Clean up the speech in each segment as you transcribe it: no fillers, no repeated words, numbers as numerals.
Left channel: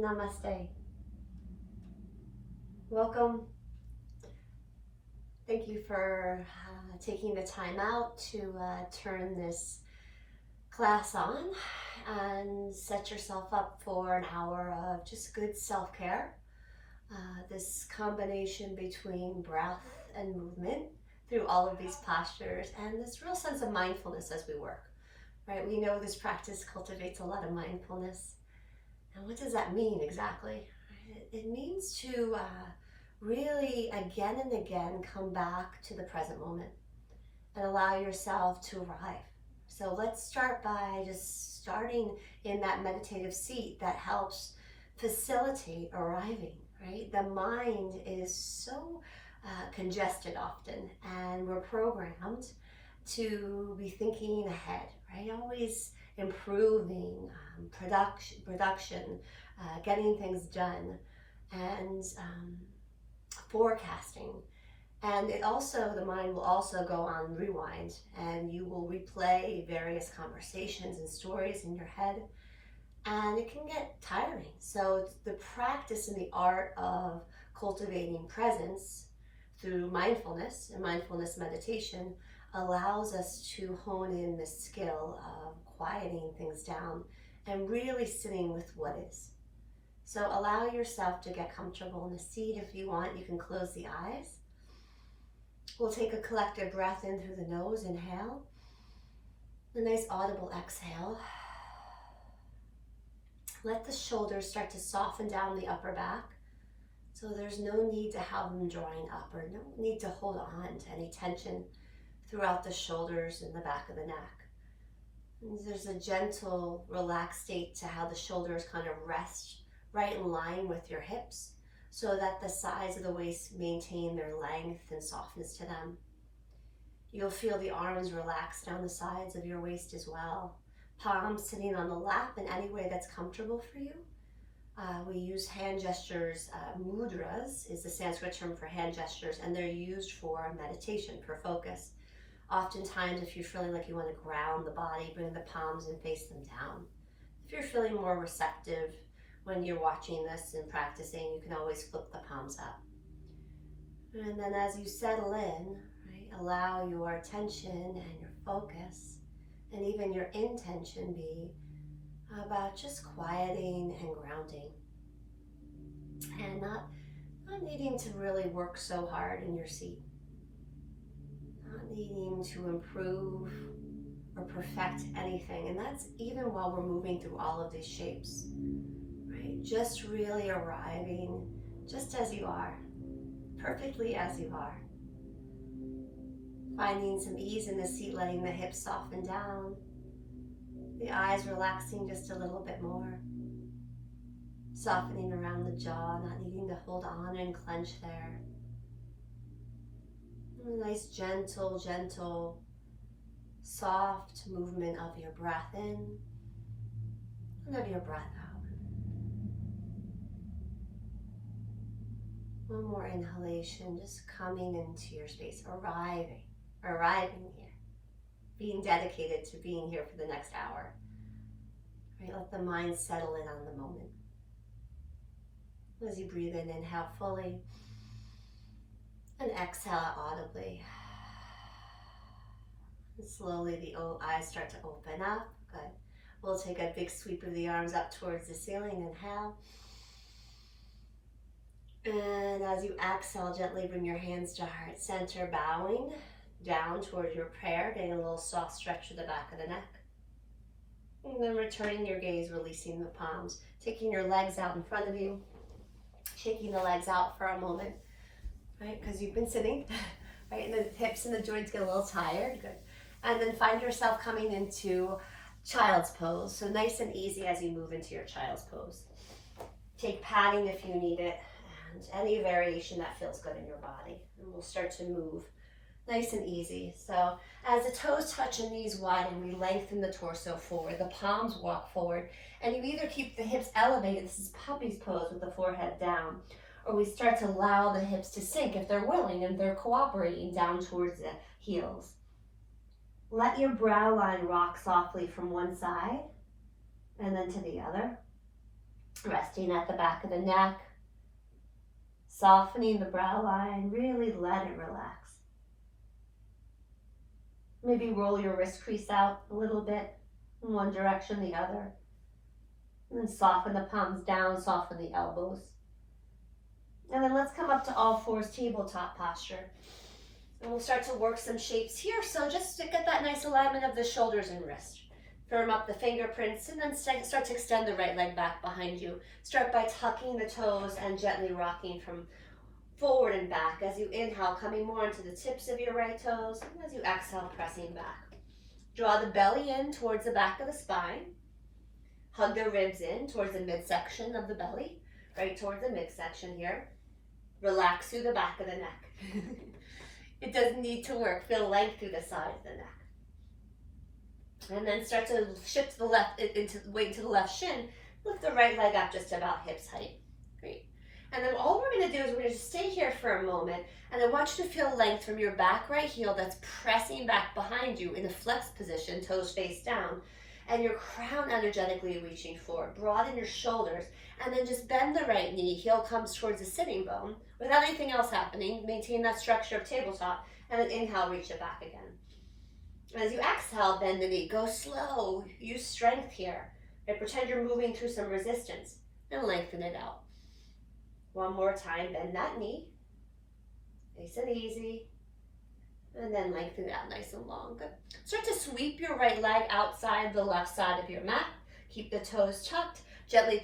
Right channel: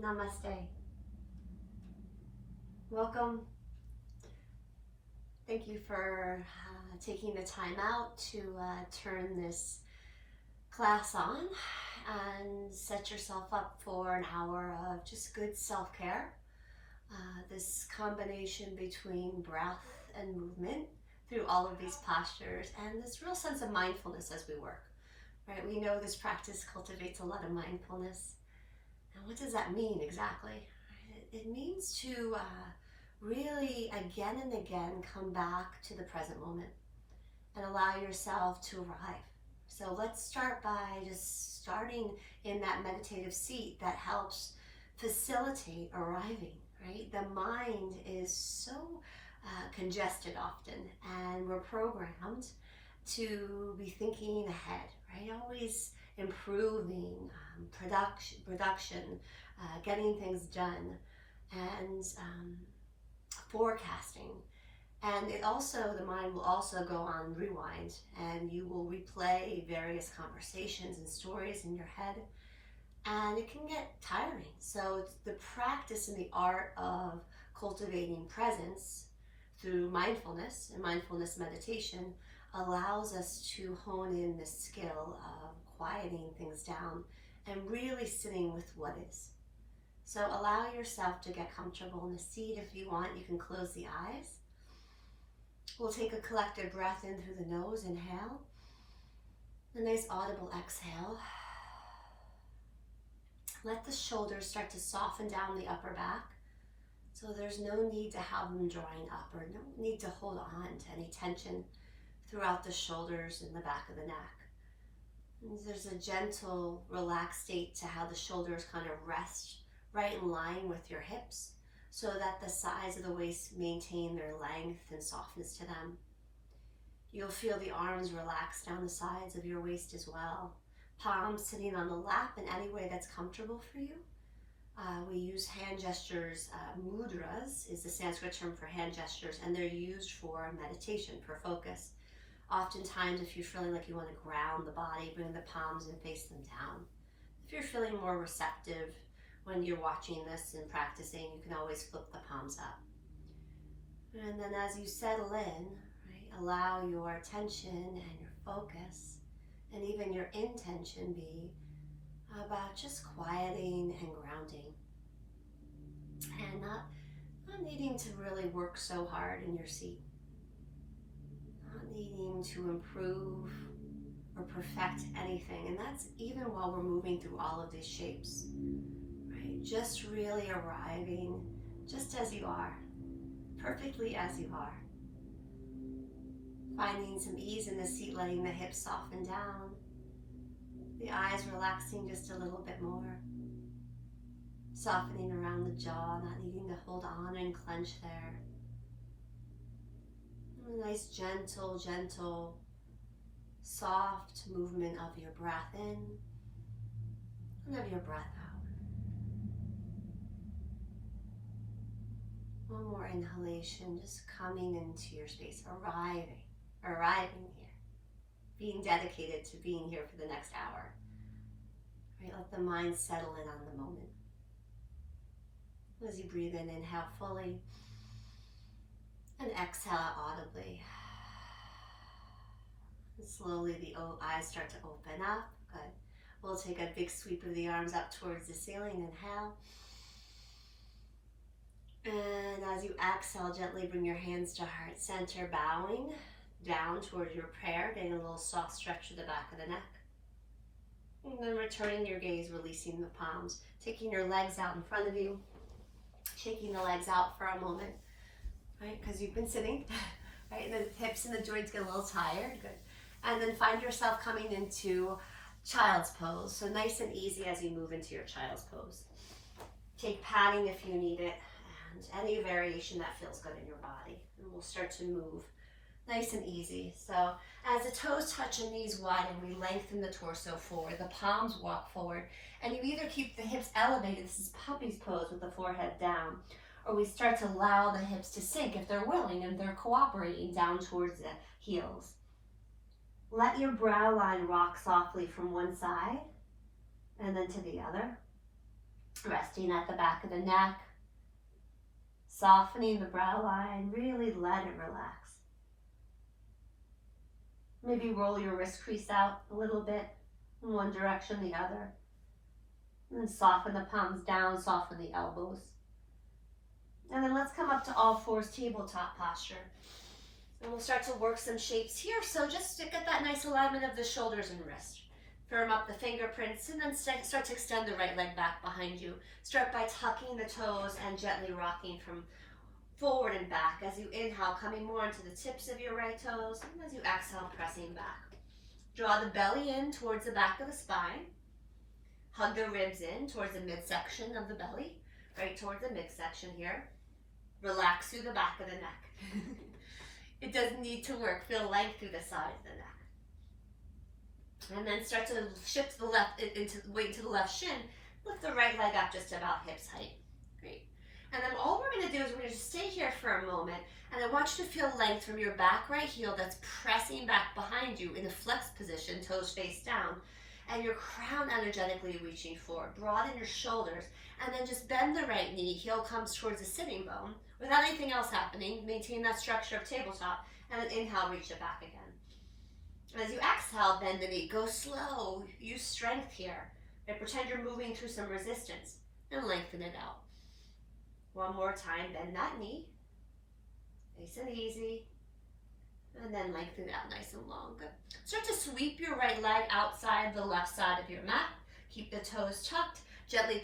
Namaste. Welcome. Thank you for taking the time out to turn this class on and set yourself up for an hour of just good self-care. This combination between breath and movement through all of these postures and this real sense of mindfulness as we work, right? We know this practice cultivates a lot of mindfulness. And what does that mean exactly? It means to really again and again come back to the present moment and allow yourself to arrive. So let's start by just starting in that meditative seat that helps facilitate arriving, right? The mind is so congested often, and we're programmed to be thinking ahead, right? Always improving, production, getting things done, and forecasting. And the mind will also go on rewind, and you will replay various conversations and stories in your head, and it can get tiring. So it's the practice and the art of cultivating presence through mindfulness and mindfulness meditation allows us to hone in the skill of quieting things down and really sitting with what is. So allow yourself to get comfortable in the seat. If you want, you can close the eyes. We'll take a collective breath in through the nose, inhale. A nice audible exhale. Let the shoulders start to soften down the upper back. So there's no need to have them drawing up or no need to hold on to any tension throughout the shoulders and the back of the neck. And there's a gentle, relaxed state to how the shoulders kind of rest right in line with your hips so that the sides of the waist maintain their length and softness to them. You'll feel the arms relax down the sides of your waist as well. Palms sitting on the lap in any way that's comfortable for you. We use hand gestures. Mudras is the Sanskrit term for hand gestures, and they're used for meditation, for focus. Oftentimes, if you're feeling like you want to ground the body, bring the palms and face them down. If you're feeling more receptive when you're watching this and practicing, you can always flip the palms up. And then as you settle in, right, allow your attention and your focus and even your intention be about just quieting and grounding and not needing to really work so hard in your seat, not needing to improve or perfect anything. And that's even while we're moving through all of these shapes, right? Just really arriving just as you are, perfectly as you are. Finding some ease in the seat, letting the hips soften down, the eyes relaxing just a little bit more, softening around the jaw, not needing to hold on and clench there. And a nice gentle, soft movement of your breath in and of your breath out. One more inhalation, just coming into your space, arriving here. Being dedicated to being here for the next hour. Right? Let the mind settle in on the moment. As you breathe in, inhale fully, and exhale audibly. And slowly the eyes start to open up. Good. We'll take a big sweep of the arms up towards the ceiling. Inhale. And as you exhale, gently bring your hands to heart center, bowing down towards your prayer, getting a little soft stretch to the back of the neck. And then returning your gaze, releasing the palms, taking your legs out in front of you, shaking the legs out for a moment, right? Because you've been sitting, right? And the hips and the joints get a little tired, good. And then find yourself coming into child's pose. So nice and easy as you move into your child's pose. Take padding if you need it, and any variation that feels good in your body. And we'll start to move nice and easy. So as the toes touch and knees widen, we lengthen the torso forward. The palms walk forward. And you either keep the hips elevated, this is puppy's pose with the forehead down, or we start to allow the hips to sink if they're willing and they're cooperating down towards the heels. Let your brow line rock softly from one side and then to the other. Resting at the back of the neck, softening the brow line, really let it relax. Maybe roll your wrist crease out a little bit in one direction, the other. And then soften the palms down, soften the elbows. And then let's come up to all fours, tabletop posture. And we'll start to work some shapes here. So just get that nice alignment of the shoulders and wrist. Firm up the fingerprints and then start to extend the right leg back behind you. Start by tucking the toes and gently rocking from forward and back. As you inhale, coming more into the tips of your right toes. And as you exhale, pressing back. Draw the belly in towards the back of the spine. Hug the ribs in towards the midsection of the belly. Right towards the midsection here. Relax through the back of the neck. It doesn't need to work. Feel length through the side of the neck. And then start to shift the left weight into the left shin. Lift the right leg up just about hips height. Great. And then all we're going to do is we're going to stay here for a moment. And I want you to feel length from your back right heel that's pressing back behind you in a flex position, toes face down. And your crown energetically reaching forward. Broaden your shoulders. And then just bend the right knee. Heel comes towards the sitting bone. Without anything else happening, maintain that structure of tabletop. And then inhale, reach it back again. As you exhale, bend the knee. Go slow. Use strength here. Right? Pretend you're moving through some resistance. And lengthen it out. One more time. Bend that knee. Nice and easy. And then lengthen it out nice and long. Good. Start to sweep your right leg outside the left side of your mat. Keep the toes tucked. Gently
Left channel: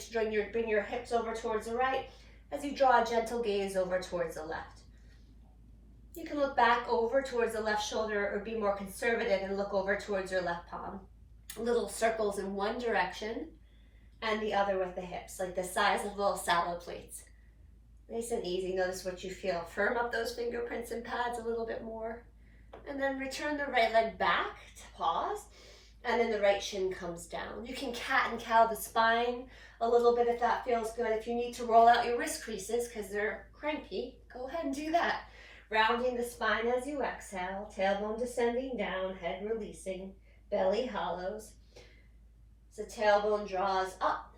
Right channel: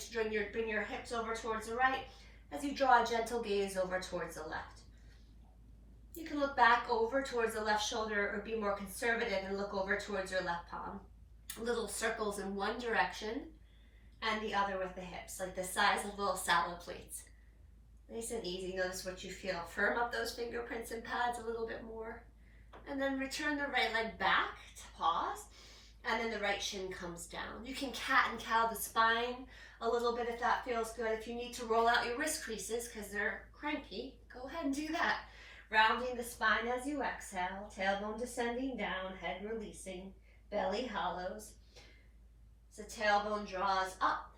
bring your hips over towards the right as you draw a gentle gaze over towards the left. You can look back over towards the left shoulder or be more conservative and look over towards your left palm. Little circles in one direction and the other with the hips, like the size of little salad plates. Nice and easy. Notice what you feel. Firm up those fingerprints and pads a little bit more. And then return the right leg back to pause. And then the right shin comes down. You can cat and cow the spine a little bit if that feels good. If you need to roll out your wrist creases because they're cranky, go ahead and do that. Rounding the spine as you exhale, tailbone descending down, head releasing, belly hollows. So tailbone draws up,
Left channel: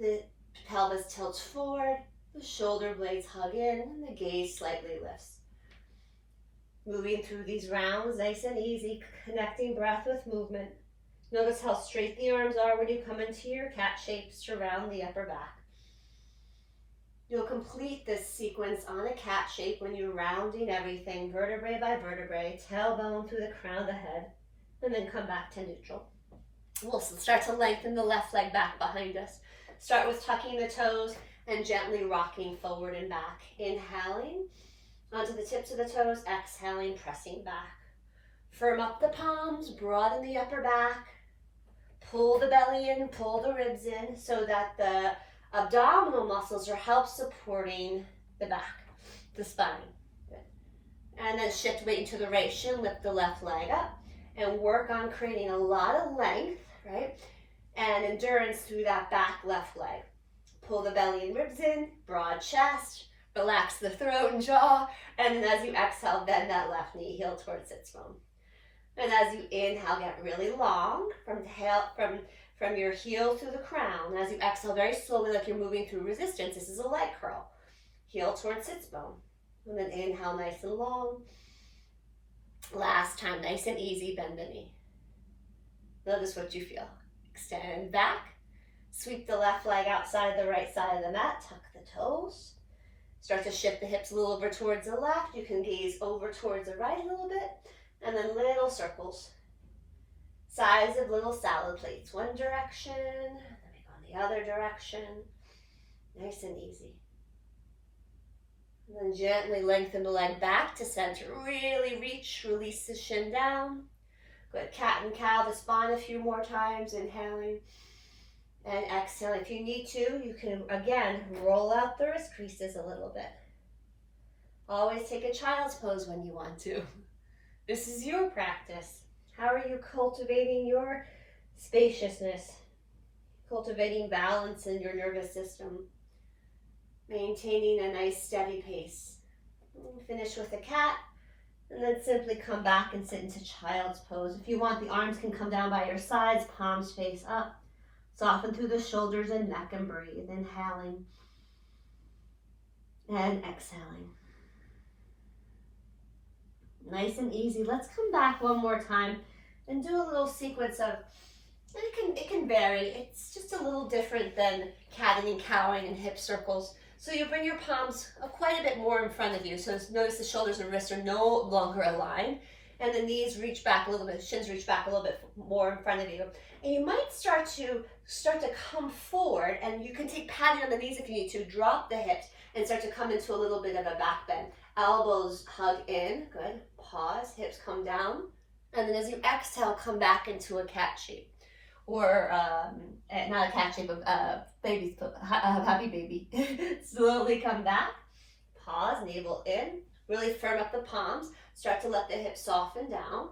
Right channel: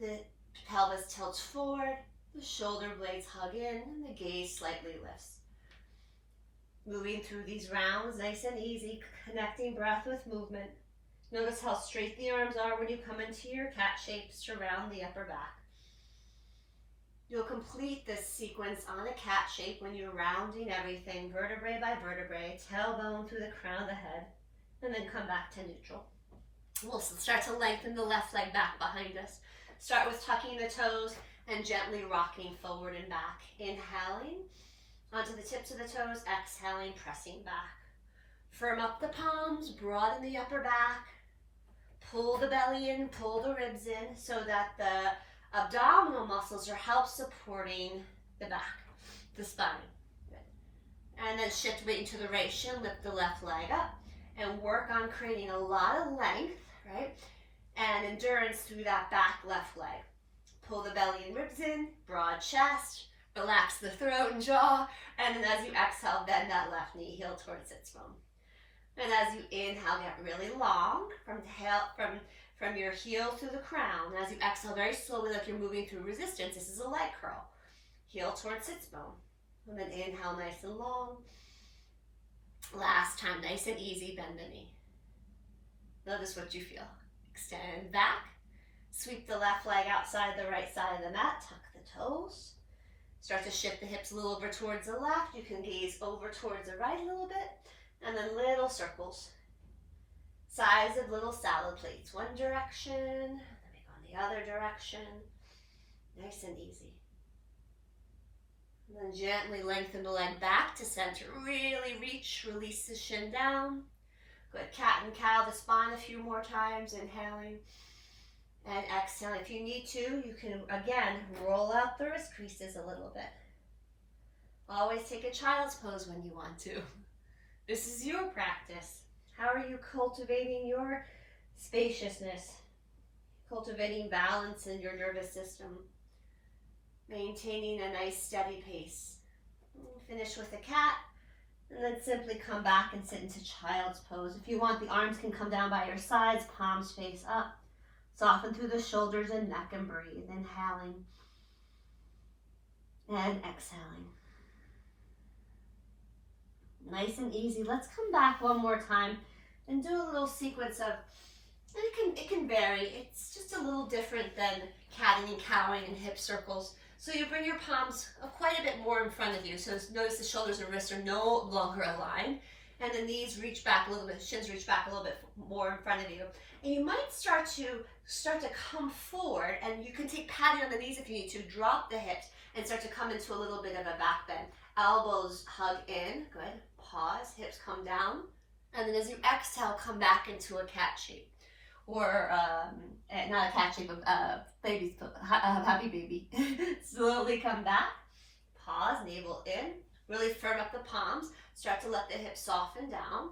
the pelvis tilts forward, the shoulder blades hug in, and the gaze slightly lifts. Moving through these rounds, nice and easy, connecting breath with movement. Notice how straight the arms are when you come into your cat shapes to round the upper back. You'll complete this sequence on a cat shape when you're rounding everything, vertebrae by vertebrae, tailbone through the crown of the head, and then come back to neutral. We'll start to lengthen the left leg back behind us. Start with tucking the toes and gently rocking forward and back. Inhaling onto the tips of the toes, exhaling, pressing back. Firm up the palms, broaden the upper back. Pull the belly in, pull the ribs in so that the abdominal muscles are help supporting the back, the spine. Good. And then shift weight into the right shin, lift the left leg up, and work on creating a lot of length, right? And endurance through that back left leg. Pull the belly and ribs in, broad chest, relax the throat and jaw, and then as you exhale, bend that left knee, heel towards sits bone. And as you inhale, get really long from your heel through the crown. As you exhale very slowly, like you're moving through resistance, this is a leg curl. Heel towards sits bone. And then inhale nice and long. Last time, nice and easy, bend the knee. Notice what you feel. Extend back. Sweep the left leg outside the right side of the mat. Tuck the toes. Start to shift the hips a little over towards the left. You can gaze over towards the right a little bit. And then little circles. Size of little salad plates. One direction, then we go in the other direction. Nice and easy. And then gently lengthen the leg back to center. Really reach, release the shin down. Good. Cat and cow the spine a few more times. Inhaling and exhaling. If you need to, you can again roll out the wrist creases a little bit. Always take a child's pose when you want to. This is your practice. How are you cultivating your spaciousness? Cultivating balance in your nervous system. Maintaining a nice steady pace. Finish with a cat. And then simply come back and sit into child's pose. If you want, the arms can come down by your sides, palms face up. Soften through the shoulders and neck and breathe. Inhaling and exhaling. Nice and easy. Let's come back one more time and do a little sequence of, it can vary. It's just a little different than catting and cowing and hip circles. So you bring your palms quite a bit more in front of you. So notice the shoulders and wrists are no longer aligned. And the knees reach back a little bit, shins reach back a little bit more in front of you. And you might start to come forward, and you can take patting on the knees if you need to. Drop the hips and start to come into a little bit of a back bend. Elbows hug in, good. Pause, hips come down. And then as you exhale, come back into a cat shape. Or, not a cat shape, happy baby. Slowly come back. Pause, navel in. Really firm up the palms. Start to let the hips soften down.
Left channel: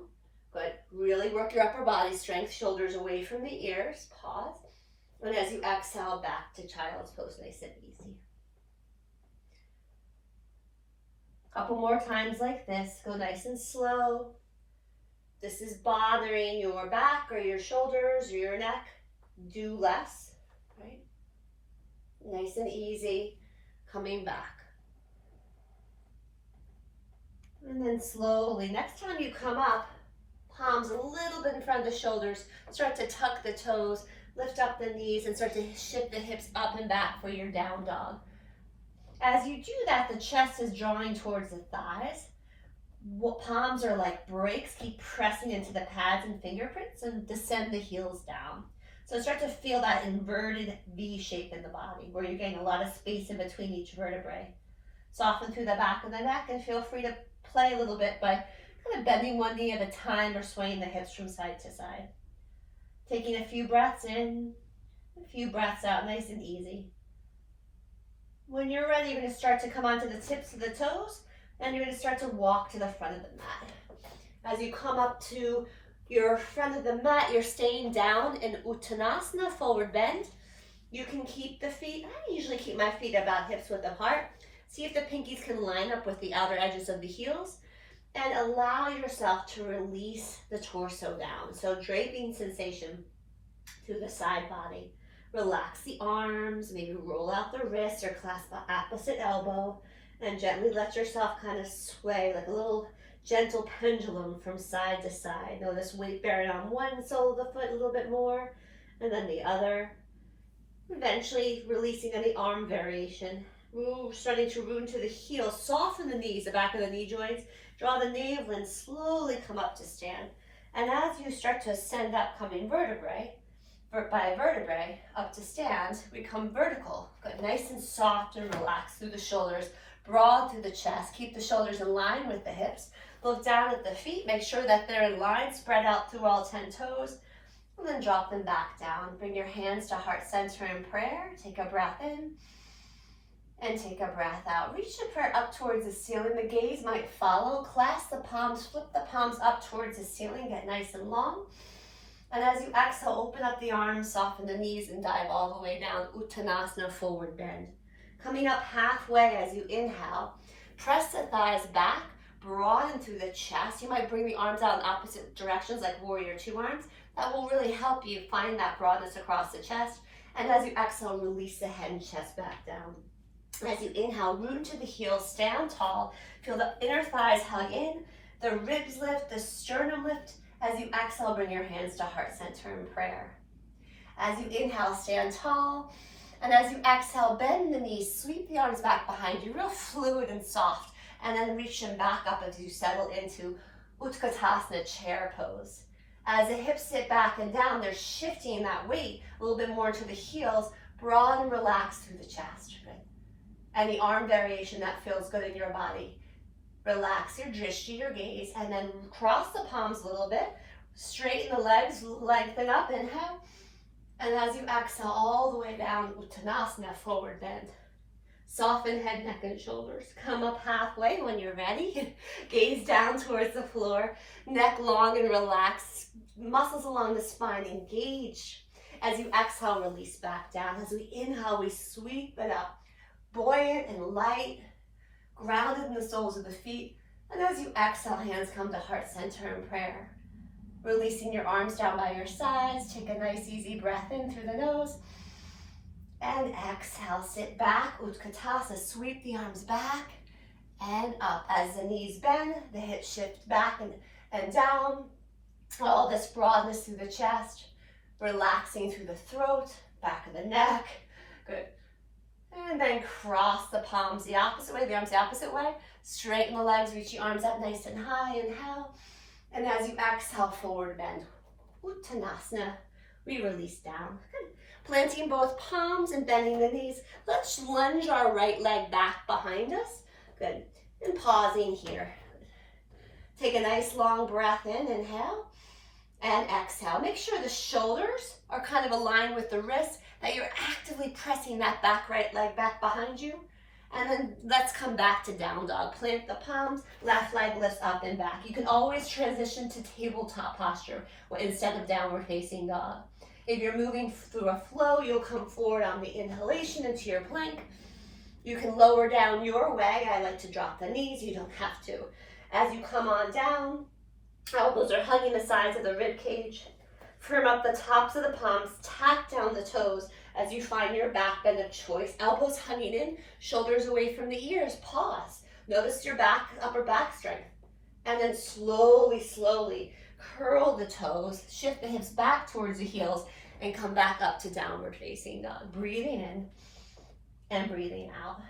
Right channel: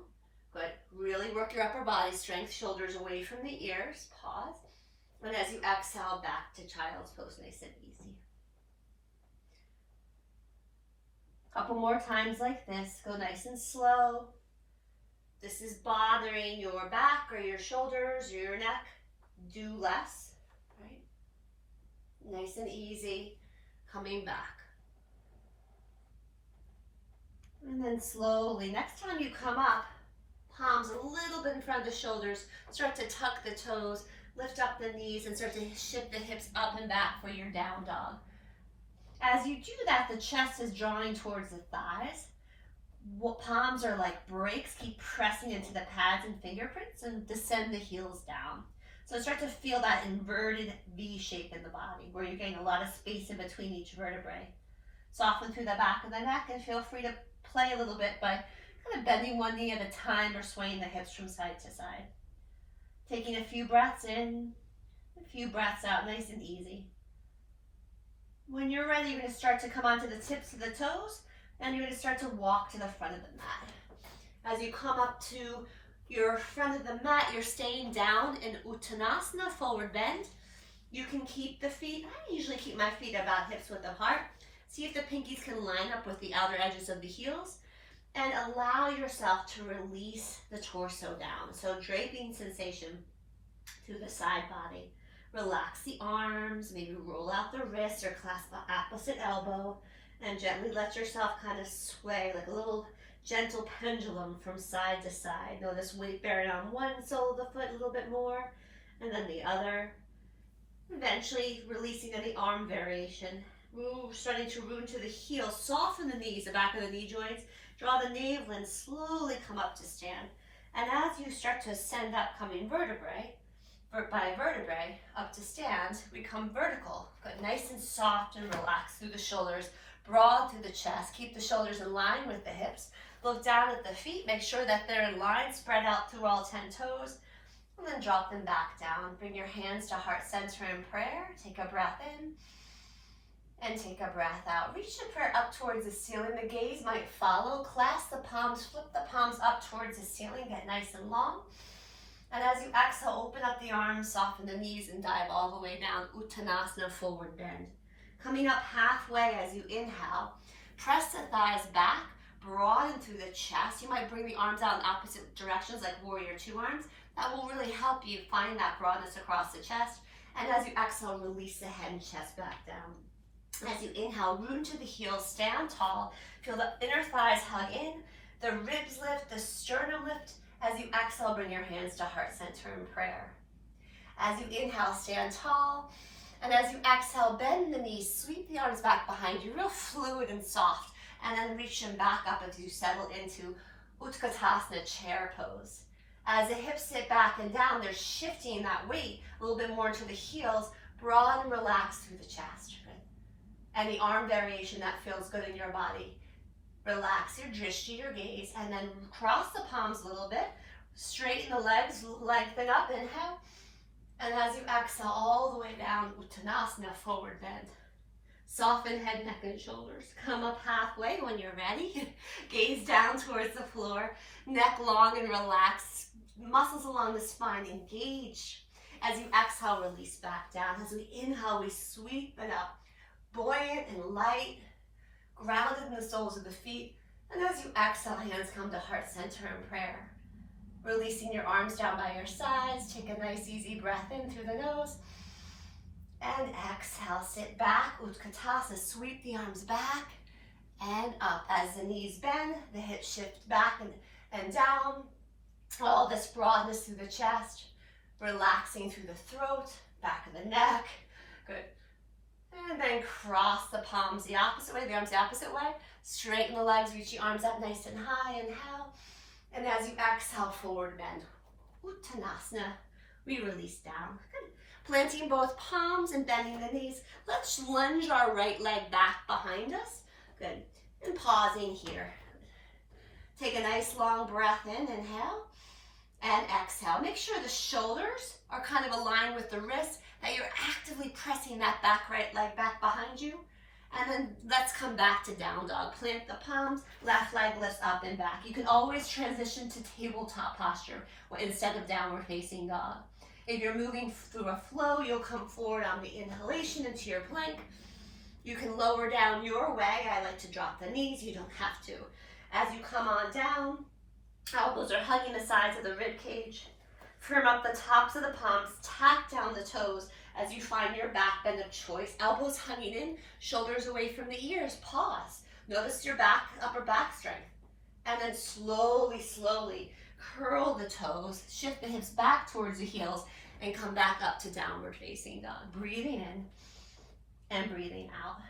Good. Really work your upper body strength. Shoulders away from the ears. Pause. And as you exhale, back to child's pose, nice and easy. Couple more times like this. Go nice and slow. This is bothering your back or your shoulders or your neck. Do less, right? Nice and easy. Coming back. And then slowly, next time you come up, palms a little bit in front of the shoulders. Start to tuck the toes, lift up the knees, and start to shift the hips up and back for your down dog. As you do that, the chest is drawing towards the thighs. Palms are like brakes. Keep pressing into the pads and fingerprints and descend the heels down. So start to feel that inverted V shape in the body where you're getting a lot of space in between each vertebrae. Soften through the back of the neck and feel free to play a little bit by kind of bending one knee at a time or swaying the hips from side to side. Taking a few breaths in, a few breaths out, nice and easy. When you're ready, you're going to start to come onto the tips of the toes, and you're going to start to walk to the front of the mat. As you come up to your front of the mat, you're staying down in Uttanasana, forward bend. You can keep the feet, I usually keep my feet about hips width apart. See if the pinkies can line up with the outer edges of the heels, and allow yourself to release the torso down. So draping sensation through the side body. Relax the arms, maybe roll out the wrists or clasp the opposite elbow, and gently let yourself kind of sway like a little gentle pendulum from side to side. Notice weight bearing on one sole of the foot a little bit more, and then the other. Eventually releasing any arm variation. Starting to root into the heels, soften the knees, the back of the knee joints, draw the navel and slowly come up to stand. And as you start to ascend upcoming vertebrae, by vertebrae, up to stand, we come vertical, but nice and soft and relaxed through the shoulders, broad through the chest. Keep the shoulders in line with the hips. Look down at the feet, make sure that they're in line, spread out through all 10 toes, and then drop them back down. Bring your hands to heart center in prayer. Take a breath in. And take a breath out. Reach the prayer up towards the ceiling. The gaze might follow. Clasp the palms, flip the palms up towards the ceiling. Get nice and long. And as you exhale, open up the arms, soften the knees, and dive all the way down. Uttanasana, forward bend. Coming up halfway as you inhale, press the thighs back, broaden through the chest. You might bring the arms out in opposite directions like warrior two arms. That will really help you find that broadness across the chest. And as you exhale, release the head and chest back down. As you inhale, root into the heels, stand tall. Feel the inner thighs hug in, the ribs lift, the sternum lift. As you exhale, bring your hands to heart center in prayer. As you inhale, stand tall. And as you exhale, bend the knees, sweep the arms back behind you, real fluid and soft. And then reach them back up as you settle into Utkatasana, chair pose. As the hips sit back and down, they're shifting that weight a little bit more into the heels, broad and relaxed through the chest. Good. Any arm variation that feels good in your body. Relax your drishti, your gaze, and then cross the palms a little bit. Straighten the legs, lengthen up, inhale. And as you exhale all the way down, Uttanasana, forward bend. Soften head, neck, and shoulders. Come up halfway when you're ready. Gaze down towards the floor. Neck long and relaxed. Muscles along the spine engage. As you exhale, release back down. As we inhale, we sweep it up. Buoyant and light, grounded in the soles of the feet. And as you exhale, hands come to heart center in prayer. Releasing your arms down by your sides. Take a nice easy breath in through the nose. And exhale, sit back, Utkatasana, sweep the arms back and up. As the knees bend, the hips shift back and down. All this broadness through the chest, relaxing through the throat, back of the neck. Good. And then cross the palms the opposite way, the arms the opposite way. Straighten the legs, reach your arms up nice and high, inhale. And as you exhale, forward bend. Uttanasana, we release down. Good. Planting both palms and bending the knees. Let's lunge our right leg back behind us. Good. And pausing here. Take a nice long breath in, inhale. And exhale. Make sure the shoulders are kind of aligned with the wrists, that you're actively pressing that right leg back behind you. And then let's come back to down dog. Plant the palms, left leg lifts up and back. You can always transition to tabletop posture instead of downward facing dog. If you're moving through a flow, you'll come forward on the inhalation into your plank. You can lower down your way. I like to drop the knees. You don't have to. As you come on down, elbows are hugging the sides of the rib cage. Firm up the tops of the palms. Tap down the toes as you find your back bend of choice. Elbows hugging in, shoulders away from the ears. Pause. Notice your back, upper back strength. And then slowly, slowly curl the toes. Shift the hips back towards the heels and come back up to downward facing dog. Breathing in and breathing out.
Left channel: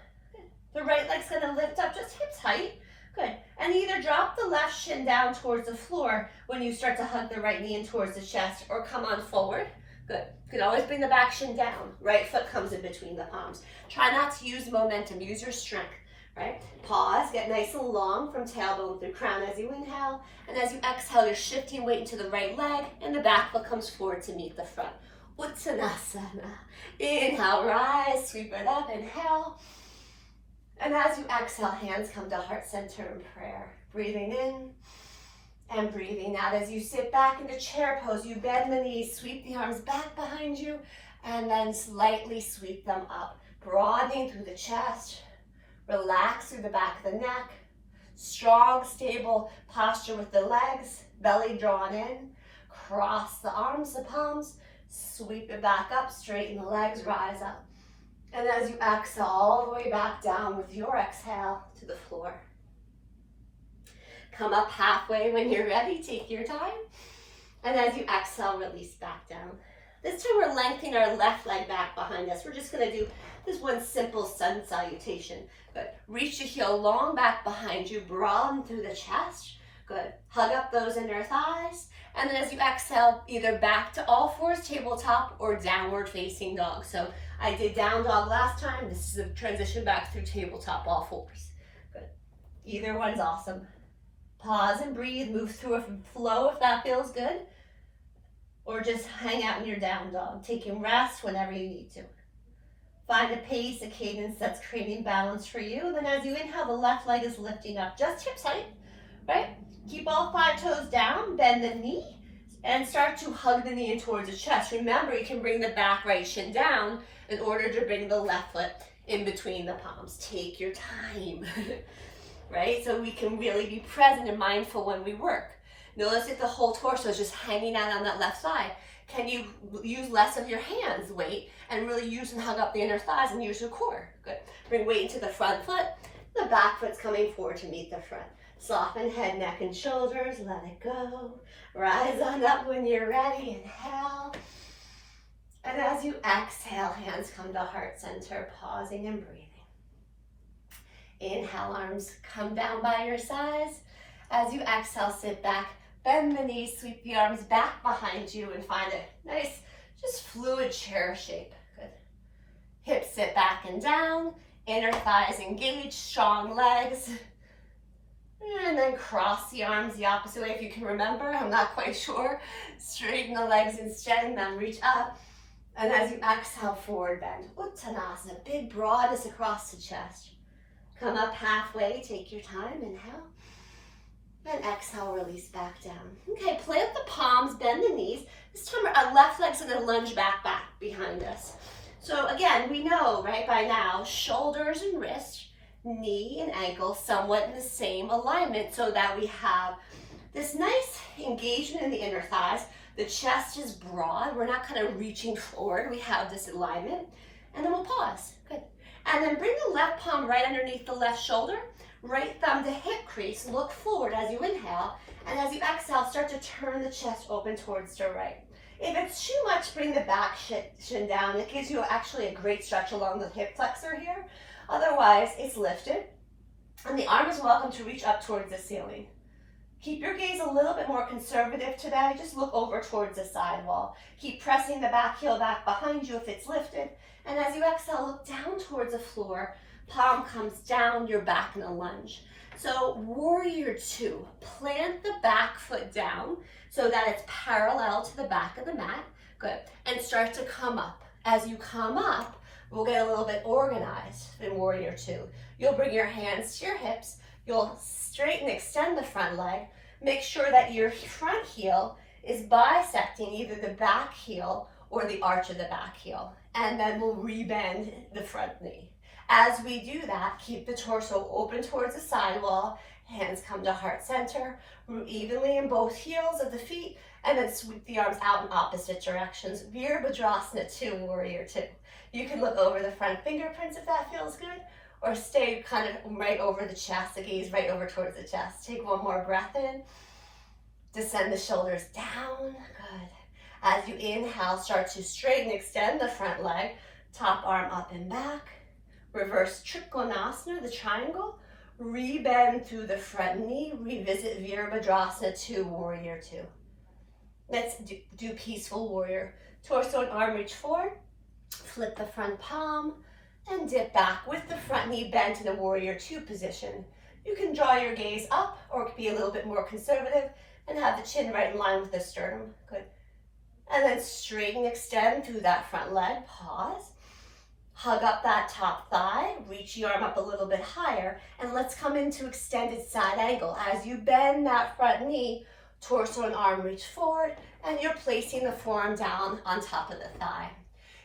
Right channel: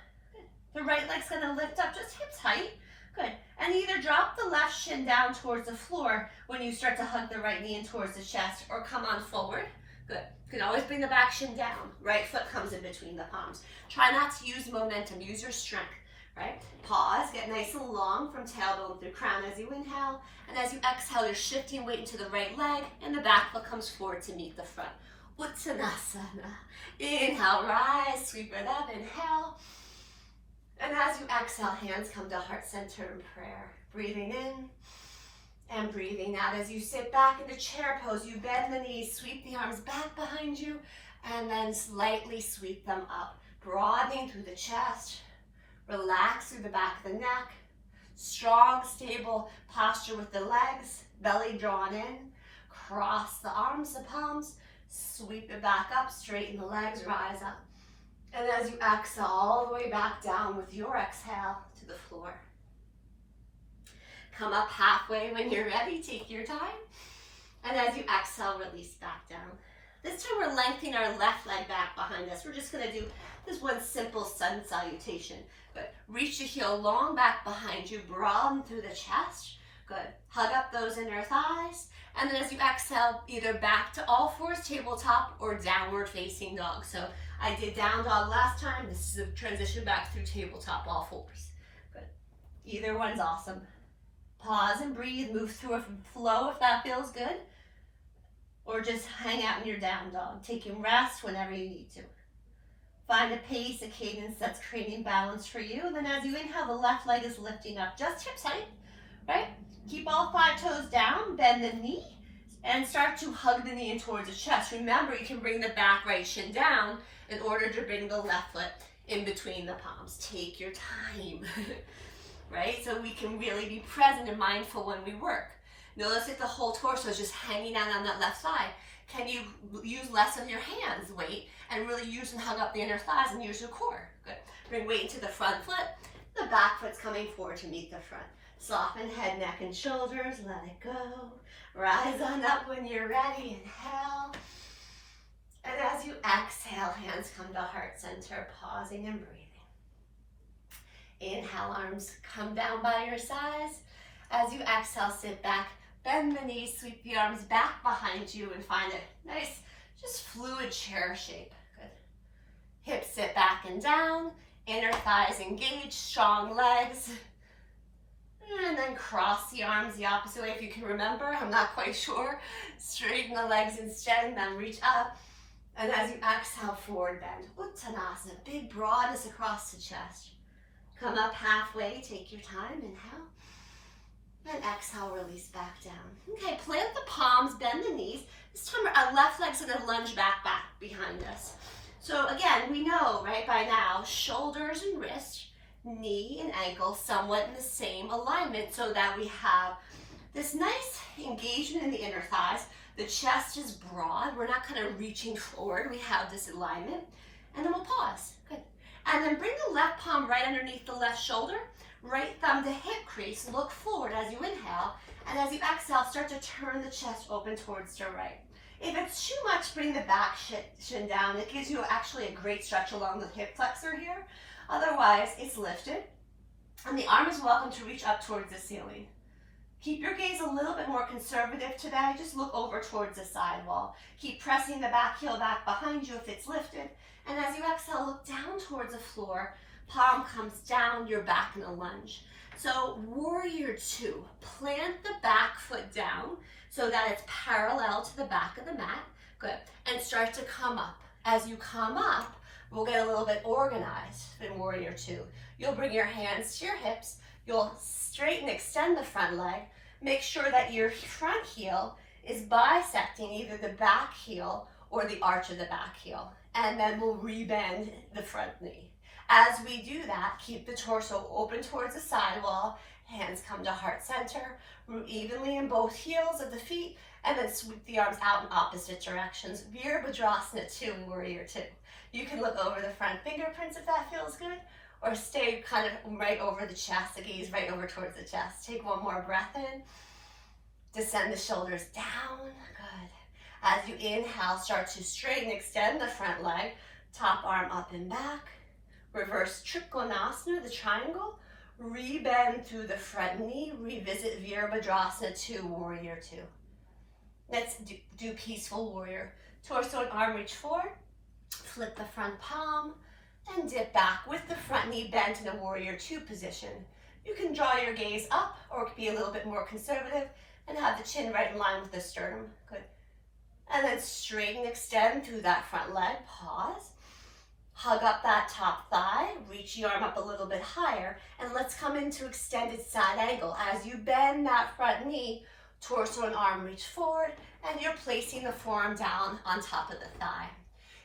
The right leg's going to lift up just hips height. Good. And either drop the left shin down towards the floor when you start to hug the right knee in towards the chest, or come on forward. Good. You can always bring the back shin down. Right foot comes in between the palms. Try not to use momentum. Use your strength. Right? Pause. Get nice and long from tailbone through crown as you inhale. And as you exhale, you're shifting weight into the right leg, and the back foot comes forward to meet the front. Uttanasana. Inhale, rise. Sweep it up. Inhale. And as you exhale, hands come to heart center in prayer. Breathing in and breathing out. As you sit back into chair pose, you bend the knees, sweep the arms back behind you, and then slightly sweep them up. Broadening through the chest. Relax through the back of the neck. Strong, stable posture with the legs. Belly drawn in. Cross the arms, the palms. Sweep it back up. Straighten the legs. Rise up. And as you exhale, all the way back down with your exhale to the floor. Come up halfway when you're ready. Take your time. And as you exhale, release back down. This time we're lengthening our left leg back behind us. We're just going to do this one simple sun salutation. Good. Reach the heel long back behind you. Broaden through the chest. Good. Hug up those inner thighs. And then as you exhale, either back to all fours, tabletop, or downward facing dog. So I did down dog last time. This is a transition back through tabletop, all fours. Good. Either one's awesome. Pause and breathe. Move through a flow if that feels good. Or just hang out in your down dog, taking rest whenever you need to. Find a pace, a cadence that's creating balance for you. And then as you inhale, the left leg is lifting up, just hips height, right? Keep all 5 toes down, bend the knee, and start to hug the knee in towards the chest. Remember, you can bring the back right shin down in order to bring the left foot in between the palms. Take your time, right? So we can really be present and mindful when we work. Notice if the whole torso is just hanging out on that left side. Can you use less of your hands, weight, and really use and hug up the inner thighs and use your core? Good. Bring weight into the front foot. The back foot's coming forward to meet the front. Soften head, neck, and shoulders. Let it go. Rise on up when you're ready. Inhale. And as you exhale, hands come to heart center, pausing and breathing. Inhale, arms come down by your sides. As you exhale, sit back. Bend the knees, sweep the arms back behind you, and find a nice, just fluid chair shape. Good. Hips sit back and down, inner thighs engaged, strong legs. And then cross the arms the opposite way if you can remember. I'm not quite sure. Straighten the legs instead, and then reach up. And as you exhale, forward bend. Uttanasana, big broadness across the chest. Come up halfway, take your time, inhale. And exhale, release back down. Okay, plant the palms, bend the knees. This time our left leg's gonna lunge back behind us. So again, we know, right, by now, shoulders and wrists, knee and ankle somewhat in the same alignment so that we have this nice engagement in the inner thighs. The chest is broad. We're not kind of reaching forward. We have this alignment. And then we'll pause. Good. And then bring the left palm right underneath the left shoulder. Right thumb to hip crease. Look forward as you inhale. And as you exhale, start to turn the chest open towards the right. If it's too much, bring the back shin down. It gives you actually a great stretch along the hip flexor here. Otherwise, it's lifted. And the arm is welcome to reach up towards the ceiling. Keep your gaze a little bit more conservative today. Just look over towards the side wall. Keep pressing the back heel back behind you if it's lifted. And as you exhale, look down towards the floor. Palm comes down, you're back in a lunge. So warrior two, plant the back foot down so that it's parallel to the back of the mat. Good. And start to come up. As you come up, we'll get a little bit organized in warrior two. You'll bring your hands to your hips. You'll straighten, extend the front leg. Make sure that your front heel is bisecting either the back heel or the arch of the back heel. And then we'll rebend the front knee. As we do that, keep the torso open towards the side wall. Hands come to heart center. Root evenly in both heels of the feet. And then sweep the arms out in opposite directions. Virabhadrasana 2, warrior 2. You can look over the front fingerprints if that feels good. Or stay kind of right over the chest, the gaze right over towards the chest. Take one more breath in. Descend the shoulders down. Good. As you inhale, start to straighten, extend the front leg. Top arm up and back. Reverse Trikonasana, the triangle. Rebend through the front knee. Revisit Virabhadrasana 2, warrior 2. Let's do peaceful warrior. Torso and arm reach forward. Flip the front palm. And dip back with the front knee bent in a warrior 2 position. You can draw your gaze up or be a little bit more conservative and have the chin right in line with the sternum. Good. And then straighten, extend through that front leg. Pause. Hug up that top thigh. Reach your arm up a little bit higher. And let's come into extended side angle. As you bend that front knee, torso and arm reach forward. And you're placing the forearm down on top of the thigh.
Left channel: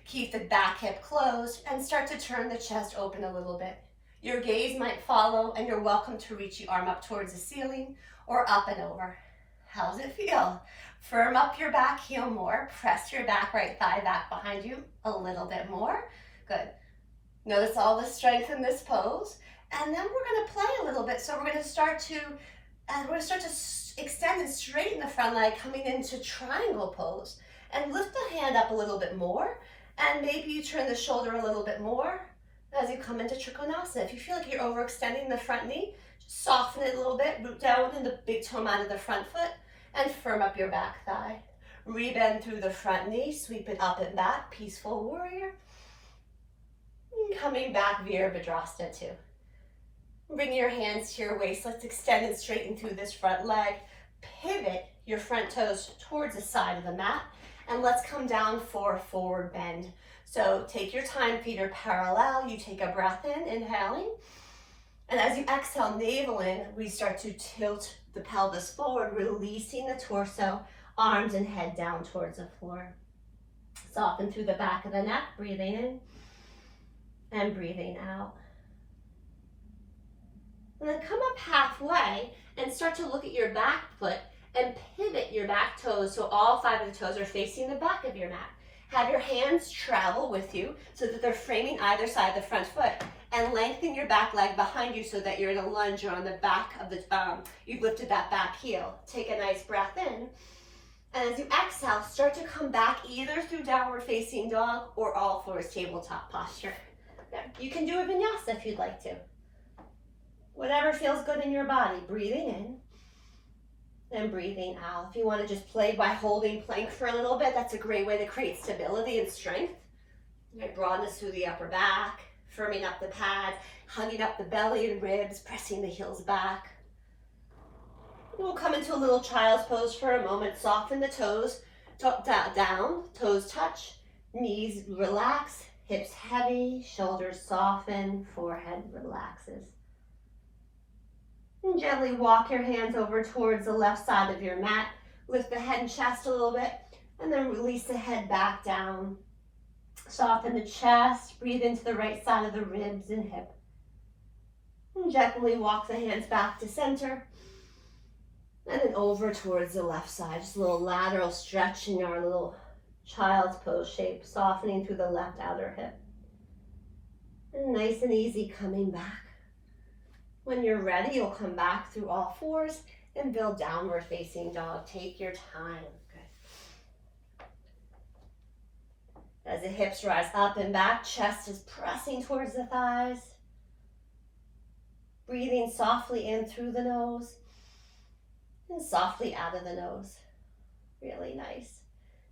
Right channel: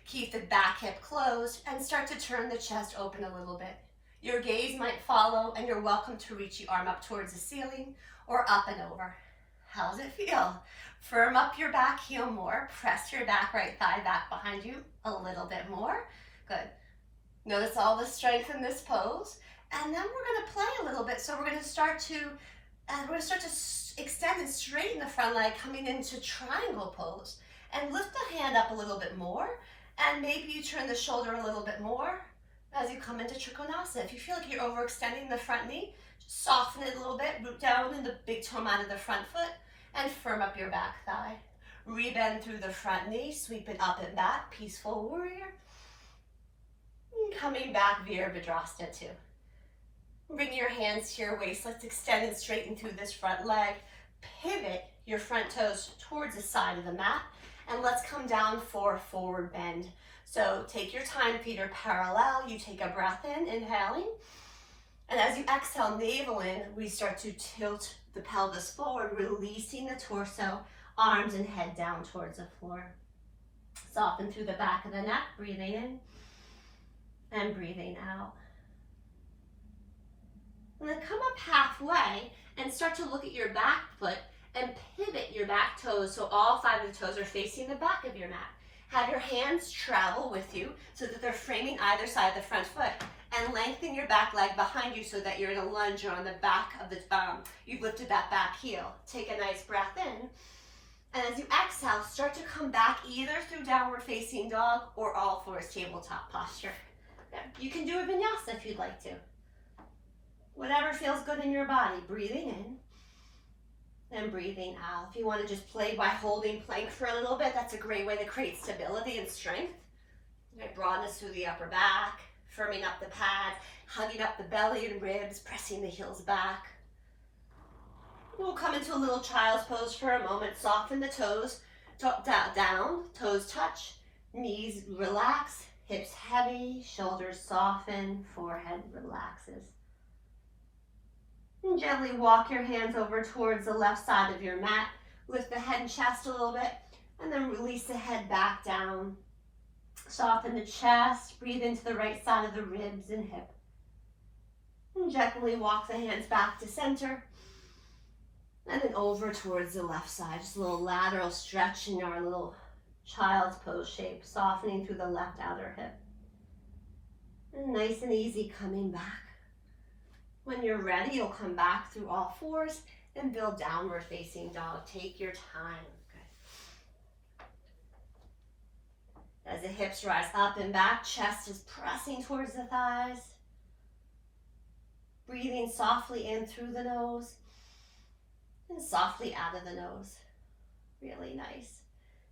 Keep the back hip closed and start to turn the chest open a little bit. Your gaze might follow and you're welcome to reach the arm up towards the ceiling or up and over. How's it feel? Firm up your back heel more. Press your back right thigh back behind you a little bit more. Good. Notice all the strength in this pose. And then we're going to play a little bit. So we're going to start to extend and straighten the front leg coming into triangle pose. And lift the hand up a little bit more. And maybe you turn the shoulder a little bit more as you come into Trikonasana. If you feel like you're overextending the front knee, just soften it a little bit, root down in the big toe mat of the front foot, and firm up your back thigh. Rebend through the front knee, sweep it up and back, peaceful warrior. And coming back, Virabhadrasana 2. Bring your hands to your waist. Let's extend and straighten through this front leg. Pivot your front toes towards the side of the mat. And let's come down for a forward bend. So take your time, feet are parallel. You take a breath in, inhaling. And as you exhale, navel in, we start to tilt the pelvis forward, releasing the torso, arms and head down towards the floor. Soften through the back of the neck, breathing in and breathing out. And then come up halfway and start to look at your back foot and pivot your back toes so all 5 of the toes are facing the back of your mat. Have your hands travel with you so that they're framing either side of the front foot. And lengthen your back leg behind you so that you're in a lunge or on the back of the, you've lifted that back heel. Take a nice breath in. And as you exhale, start to come back either through downward facing dog or all fours tabletop posture. You can do a vinyasa if you'd like to. Whatever feels good in your body. Breathing in. And breathing out. If you want to just play by holding plank for a little bit, that's a great way to create stability and strength. Broadness through the upper back, firming up the pads, hugging up the belly and ribs, pressing the heels back. We'll come into a little child's pose for a moment. Soften the toes, down, toes touch, knees relax, hips heavy, shoulders soften, forehead relaxes. And gently walk your hands over towards the left side of your mat. Lift the head and chest a little bit, and then release the head back down. Soften the chest, breathe into the right side of the ribs and hip. And gently walk the hands back to center. And then over towards the left side, just a little lateral stretch in your little child's pose shape, softening through the left outer hip. And nice and easy coming back. When you're ready, you'll come back through all fours and build downward facing dog. Take your time. Good. As the hips rise up and back, chest is pressing towards the thighs. Breathing softly in through the nose and softly out of the nose. Really nice.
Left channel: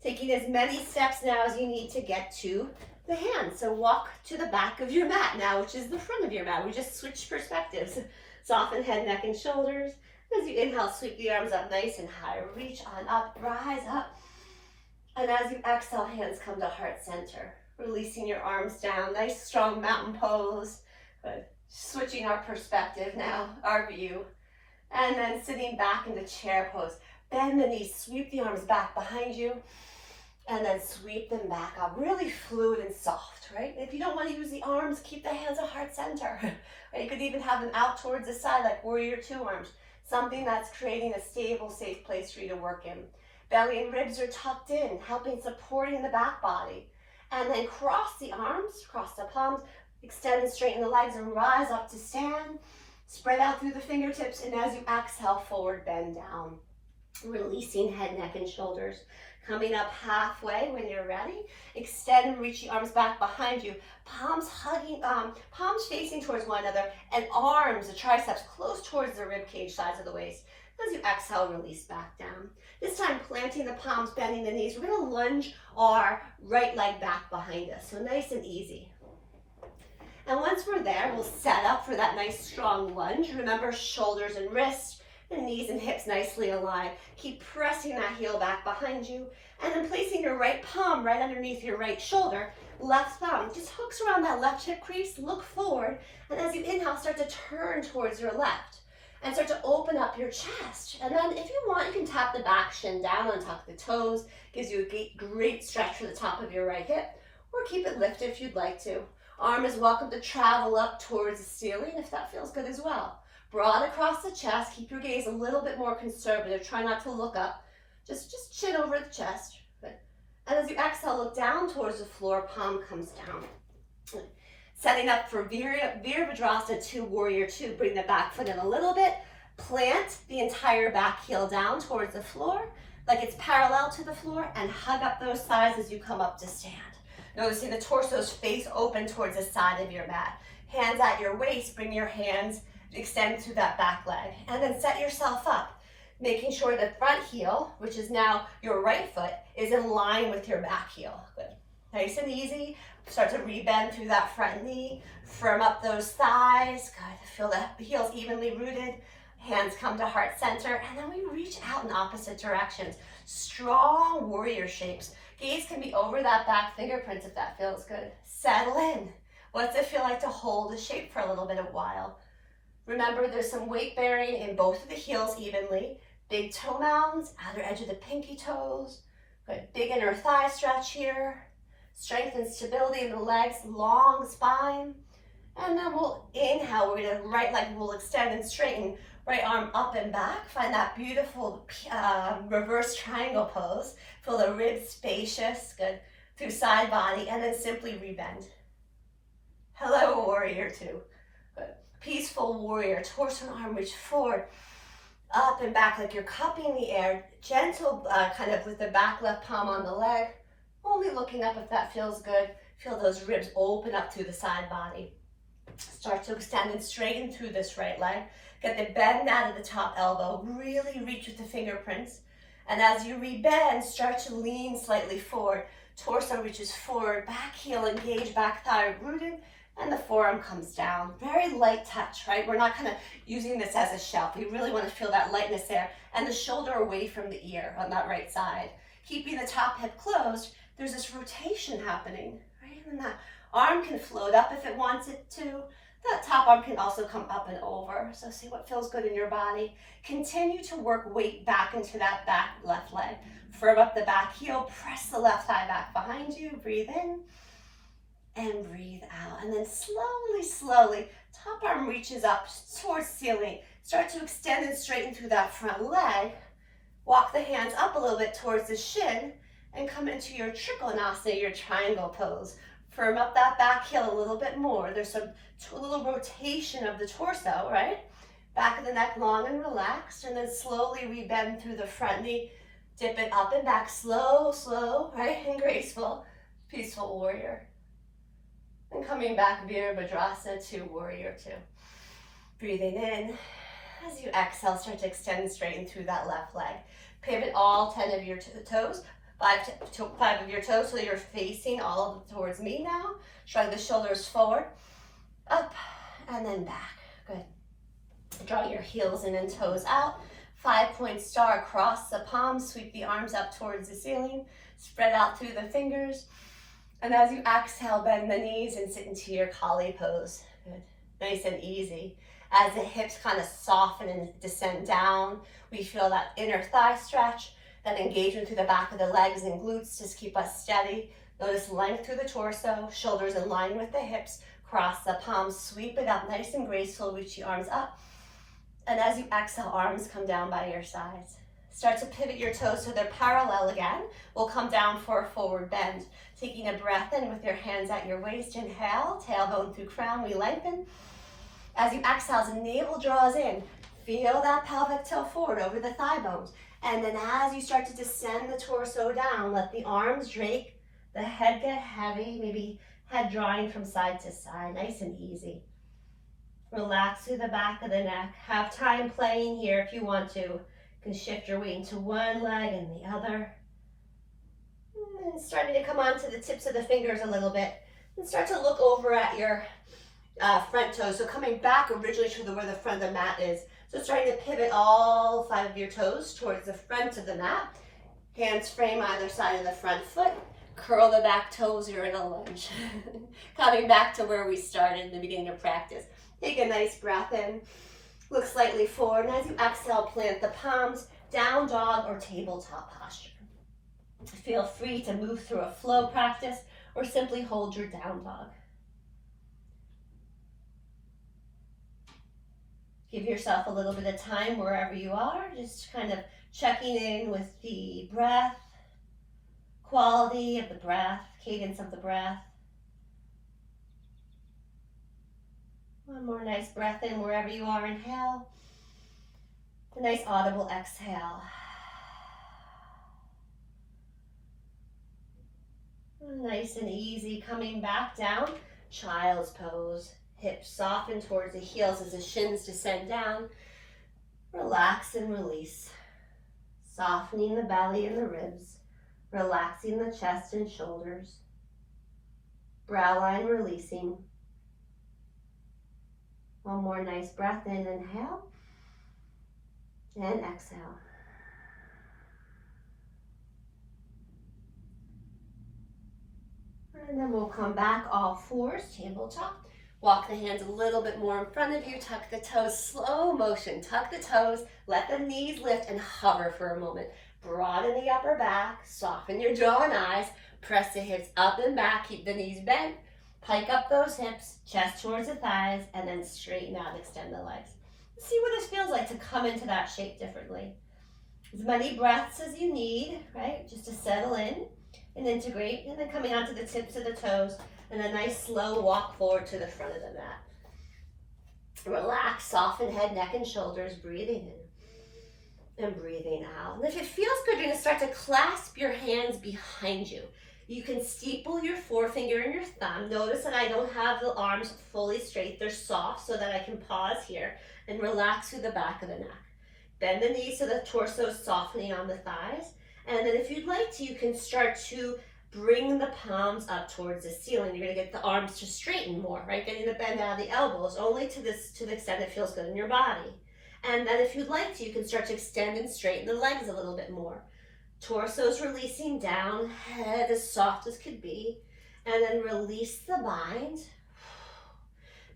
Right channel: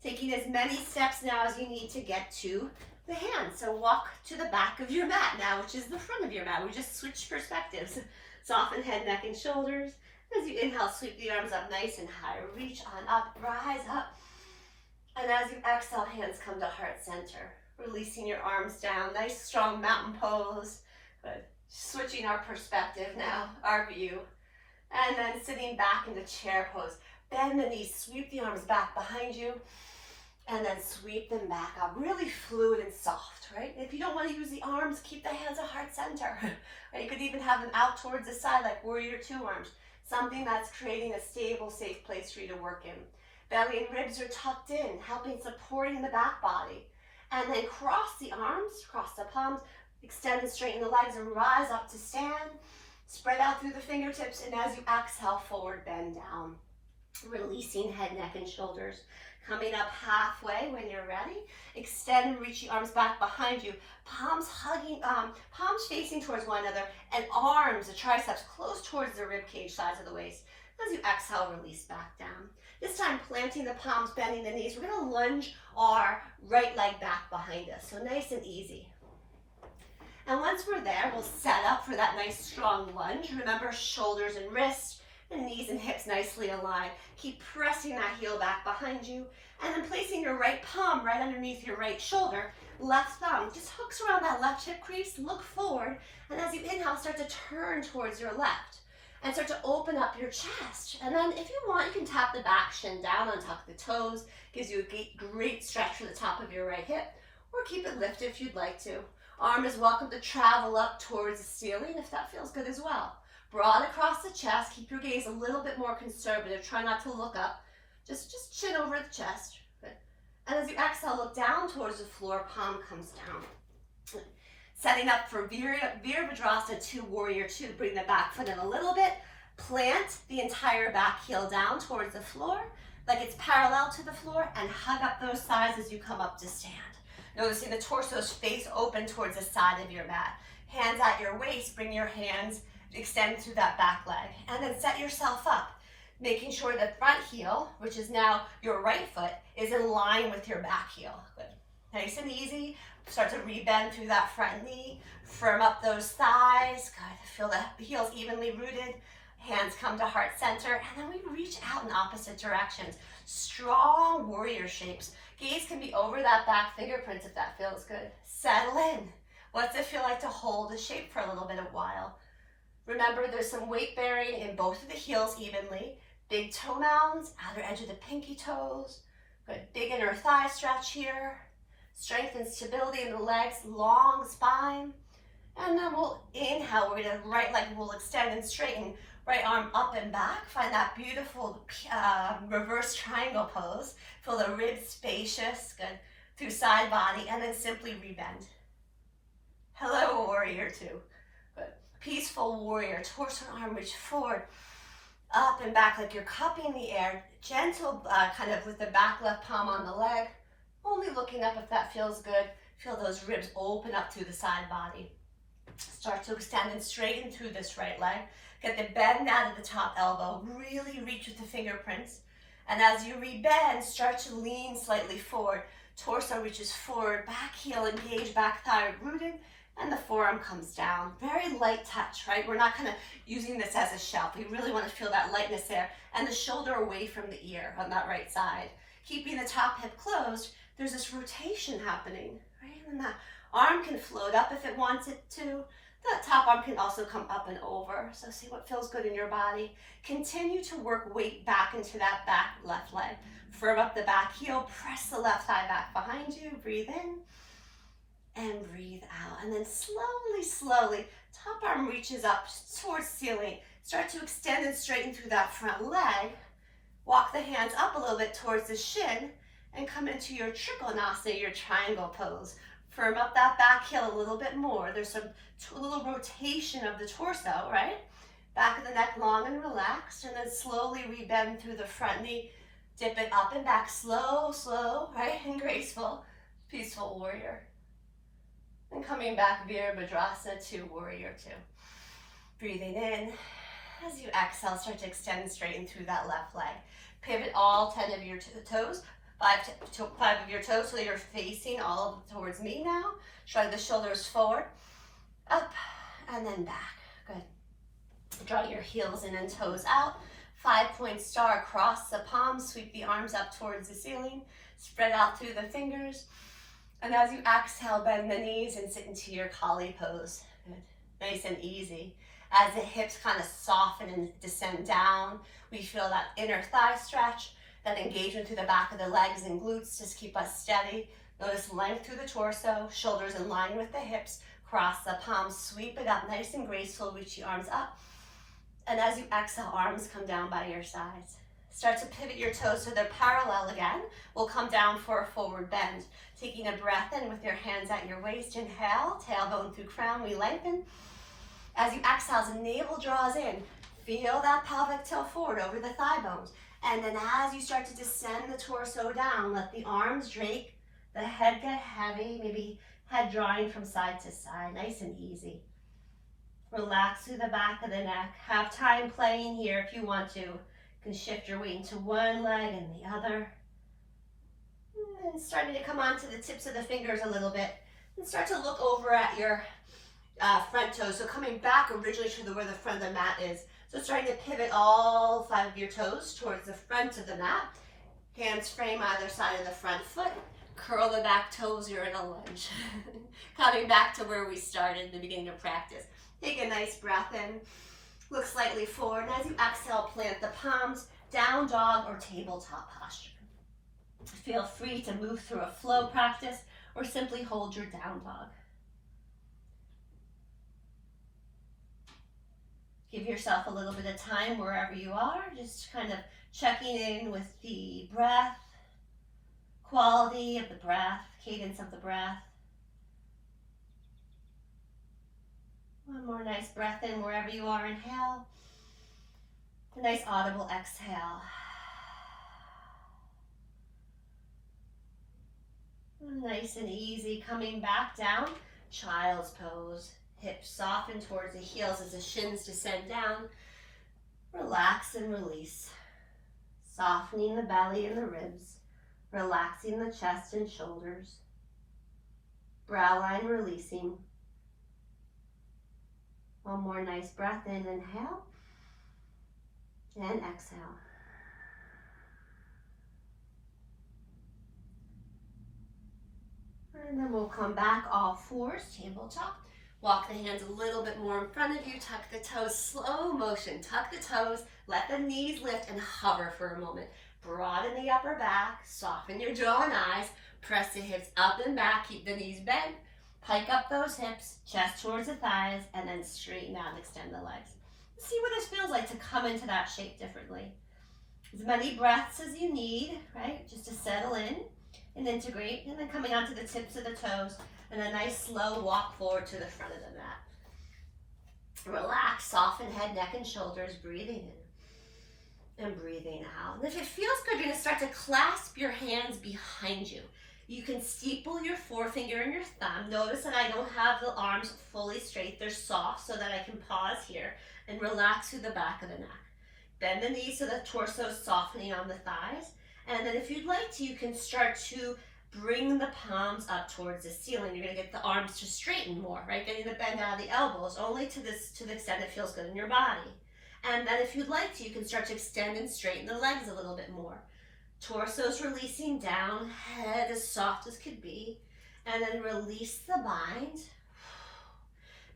Taking as many steps now as you need to get to the hands. So walk to the back of your mat now, which is the front of your mat. We just switched perspectives. Soften head, neck, and shoulders. As you inhale, sweep the arms up nice and high. Reach on up, rise up. And as you exhale, hands come to heart center. Releasing your arms down. Nice, strong mountain pose. Good. Switching our perspective now, our view. And then sitting back into chair pose. Bend the knees, sweep the arms back behind you. And then sweep them back up. Really fluid and soft, right? If you don't want to use the arms, keep the hands at heart center. Or you could even have them out towards the side like warrior two arms. Something that's creating a stable, safe place for you to work in. Belly and ribs are tucked in, helping supporting the back body. And then cross the arms, cross the palms, extend and straighten the legs and rise up to stand. Spread out through the fingertips, and as you exhale, forward bend down. Releasing head, neck, and shoulders. Coming up halfway when you're ready. Extend and reach the arms back behind you. Palms hugging, palms facing towards one another, and arms, the triceps, close towards the rib cage, sides of the waist. As you exhale, release back down. This time, planting the palms, bending the knees. We're gonna lunge our right leg back behind us. So nice and easy. And once we're there, we'll set up for that nice strong lunge. Remember, shoulders and wrists, and knees and hips nicely aligned. Keep pressing that heel back behind you, and then placing your right palm right underneath your right shoulder. Left thumb just hooks around that left hip crease. Look forward, and as you inhale, start to turn towards your left, and start to open up your chest. And then if you want, you can tap the back shin down, untuck the toes. Gives you a great stretch from the top of your right hip, or keep it lifted if you'd like to. Arm is welcome to travel up towards the ceiling if that feels good as well. Broad across the chest. Keep your gaze a little bit more conservative. Try not to look up. Just chin over the chest. Good. And as you exhale, look down towards the floor. Palm comes down. Good. Setting up for Virabhadrasana 2, Warrior 2. Bring the back foot in a little bit. Plant the entire back heel down towards the floor, like it's parallel to the floor, and hug up those thighs as you come up to stand. Noticing the torso's face open towards the side of your mat. Hands at your waist. Bring your hands, extend through that back leg, and then set yourself up, making sure the front heel, which is now your right foot, is in line with your back heel. Good. Nice and easy. Start to rebend through that front knee. Firm up those thighs. Good. Feel the heels evenly rooted. Hands come to heart center, and then we reach out in opposite directions. Strong warrior shapes. Gaze can be over that back fingerprints if that feels good. Settle in. What's it feel like to hold the shape for a little bit of while? Remember, there's some weight bearing in both of the heels evenly. Big toe mounds, outer edge of the pinky toes. Good. Big inner thigh stretch here. Strength and stability in the legs, long spine. And then we'll inhale. We're going to right leg will extend and straighten. Right arm up and back. Find that beautiful reverse triangle pose. Feel the ribs spacious. Good. Through side body. And then simply rebend. Hello, warrior two. Good. Peaceful warrior. Torso and arm reach forward. Up and back like you're cupping the air. Gentle kind of with the back left palm on the leg. Only looking up if that feels good. Feel those ribs open up through the side body. Start to extend and straighten through this right leg. Get the bend out of the top elbow. Really reach with the fingerprints. And as you rebend, start to lean slightly forward. Torso reaches forward. Back heel engaged, back thigh rooted. And the forearm comes down. Very light touch, right? We're not kind of using this as a shelf. We really want to feel that lightness there. And the shoulder away from the ear on that right side. Keeping the top hip closed, there's this rotation happening, right? And that arm can float up if it wants it to. That top arm can also come up and over. So see what feels good in your body. Continue to work weight back into that back left leg. Firm up the back heel. Press the left thigh back behind you. Breathe in and breathe out. And then slowly, top arm reaches up towards ceiling. Start to extend and straighten through that front leg. Walk the hands up a little bit towards the shin and come into your Trikonasana, your triangle pose. Firm up that back heel a little bit more. There's a little rotation of the torso, right? Back of the neck long and relaxed, and then slowly we bend through the front knee. Dip it up and back, slow, slow, right? And graceful. Peaceful warrior. And coming back, Virabhadrasana to warrior two. Breathing in. As you exhale, start to extend and straighten through that left leg. Pivot all 10 of your toes, five of your toes, so you're facing all towards me now. Shrug the shoulders forward, up, and then back. Good. Draw your heels in and toes out. 5-point star, cross the palms, sweep the arms up towards the ceiling, spread out through the fingers. And as you exhale, bend the knees and sit into your Kali pose. Good. Nice and easy. As the hips kind of soften and descend down, we feel that inner thigh stretch, that engagement through the back of the legs and glutes. Just keep us steady. Notice length through the torso, shoulders in line with the hips. Cross the palms, sweep it up, nice and graceful. Reach the arms up. And as you exhale, arms come down by your sides. Start to pivot your toes so they're parallel again. We'll come down for a forward bend. Taking a breath in with your hands at your waist. Inhale, tailbone through crown, we lengthen. As you exhale, as the navel draws in, feel that pelvic tilt forward over the thigh bones. And then as you start to descend the torso down, let the arms drake, the head get heavy, maybe head drawing from side to side, nice and easy. Relax through the back of the neck. Have time playing here if you want to. You can shift your weight into one leg and the other. And starting to come onto the tips of the fingers a little bit. And start to look over at your front toes. So coming back originally to where the front of the mat is. So starting to pivot all 5 of your toes towards the front of the mat. Hands frame either side of the front foot. Curl the back toes, you're in a lunge. Coming back to where we started in the beginning of practice. Take a nice breath in. Look slightly forward. And as you exhale, plant the palms, down dog or tabletop posture. Feel free to move through a flow practice or simply hold your down dog. Give yourself a little bit of time wherever you are, just kind of checking in with the breath, quality of the breath, cadence of the breath. One more nice breath in wherever you are, inhale. A nice audible exhale. Nice and easy, coming back down, child's pose. Hips soften towards the heels as the shins descend down. Relax and release. Softening the belly and the ribs. Relaxing the chest and shoulders. Brow line releasing. One more nice breath in, inhale. And exhale. And then we'll come back all fours, tabletop. Walk the hands a little bit more in front of you. Tuck the toes, slow motion. Tuck the toes, let the knees lift and hover for a moment. Broaden the upper back, soften your jaw and eyes. Press the hips up and back, keep the knees bent. Pike up those hips, chest towards the thighs, and then straighten out and extend the legs. See what this feels like to come into that shape differently. As many breaths as you need, right? Just to settle in and integrate, and then coming onto the tips of the toes. And a nice slow walk forward to the front of the mat. Relax, soften head, neck, and shoulders. Breathing in and breathing out. And if it feels good, you're going to start to clasp your hands behind you. You can steeple your forefinger and your thumb. Notice that I don't have the arms fully straight. They're soft so that I can pause here and relax through the back of the neck. Bend the knees so the torso is softening on the thighs. And then if you'd like to, you can start to bring the palms up towards the ceiling. You're going to get the arms to straighten more, right? Getting the bend out of the elbows, only to the extent it feels good in your body. And then if you'd like to, you can start to extend and straighten the legs a little bit more. Torso's releasing down, head as soft as could be. And then release the bind.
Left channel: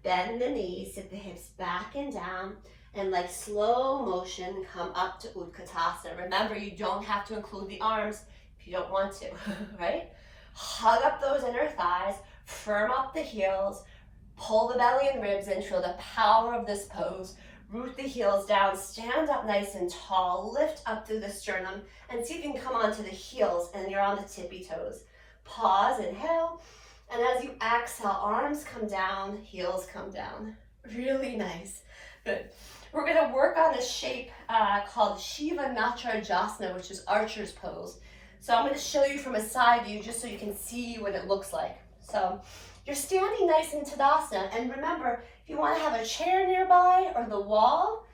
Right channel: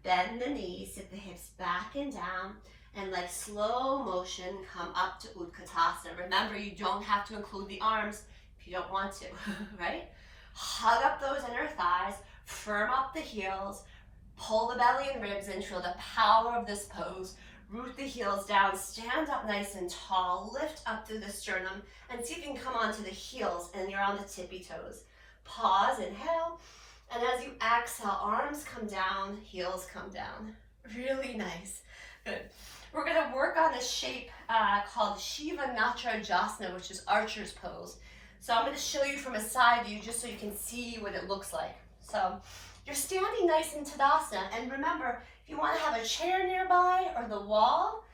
Bend the knees, sit the hips back and down. And like slow motion, come up to Utkatasana. Remember, you don't have to include the arms you don't want to, right? Hug up those inner thighs, firm up the heels, pull the belly and ribs in, feel the power of this pose. root the heels down, stand up nice and tall, lift up through the sternum, and see if you can come onto the heels and you're on the tippy toes. Pause, inhale, and as you exhale, arms come down, heels come down. Really nice. Good. We're going to work on a shape called Shiva Natrajasana, which is archer's pose. So I'm going to show you from a side view just so you can see what it looks like. So you're standing nice in Tadasana, and remember, if you want to have a chair nearby or the wall,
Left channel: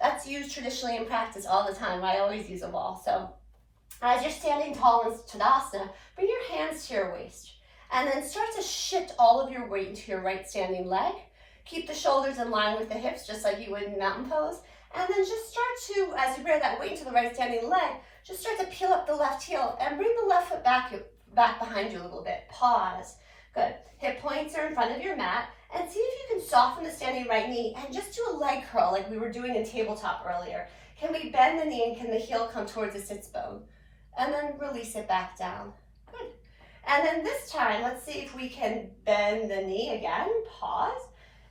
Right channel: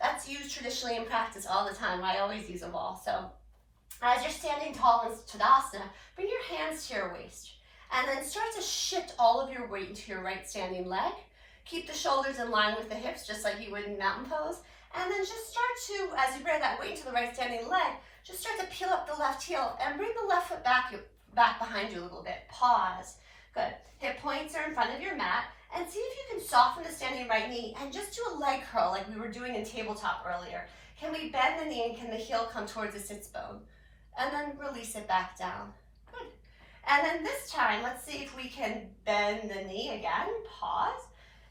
that's used traditionally in practice all the time. I always use a wall. So as you're standing tall in Tadasana, bring your hands to your waist, and then start to shift all of your weight into your right standing leg. Keep the shoulders in line with the hips, just like you would in mountain pose. And then just start to, as you bear that weight into the right standing leg, just start to peel up the left heel and bring the left foot back behind you a little bit. Pause. Good. Hip points are in front of your mat. And see if you can soften the standing right knee and just do a leg curl like we were doing in tabletop earlier. Can we bend the knee and can the heel come towards the sits bone? And then release it back down. Good. And then this time, let's see if we can bend the knee again. Pause.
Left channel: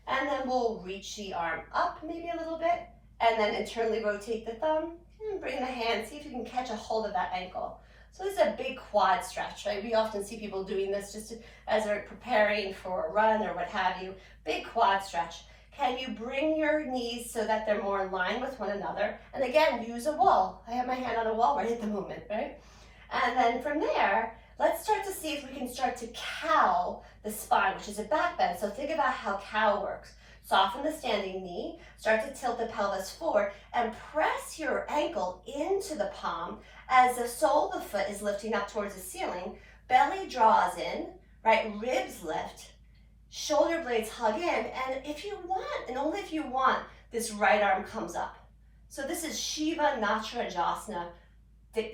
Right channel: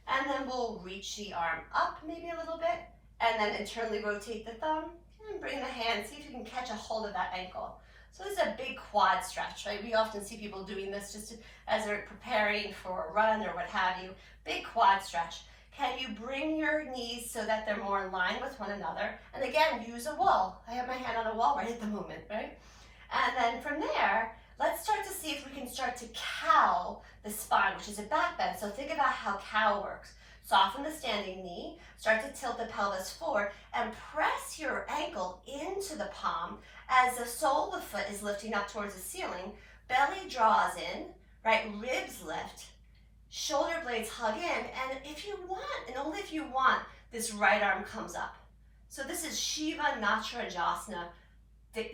And then we'll reach the arm up maybe a little bit, and then internally rotate the thumb, and bring the hand, see if you can catch a hold of that ankle. So this is a big quad stretch, right? We often see people doing this just as they're preparing for a run or what have you. Big quad stretch. Can you bring your knees so that they're more in line with one another? And again, use a wall. I have my hand on a wall right at the moment, right? And then from there, let's start to see if we can start to cow the spine, which is a back bend. So think about how cow works. Soften the standing knee, start to tilt the pelvis forward, and press your ankle into the palm as the sole of the foot is lifting up towards the ceiling. Belly draws in, right? Ribs lift, shoulder blades hug in, and if you want, and only if you want, this right arm comes up. So this is Shiva Natrajasana,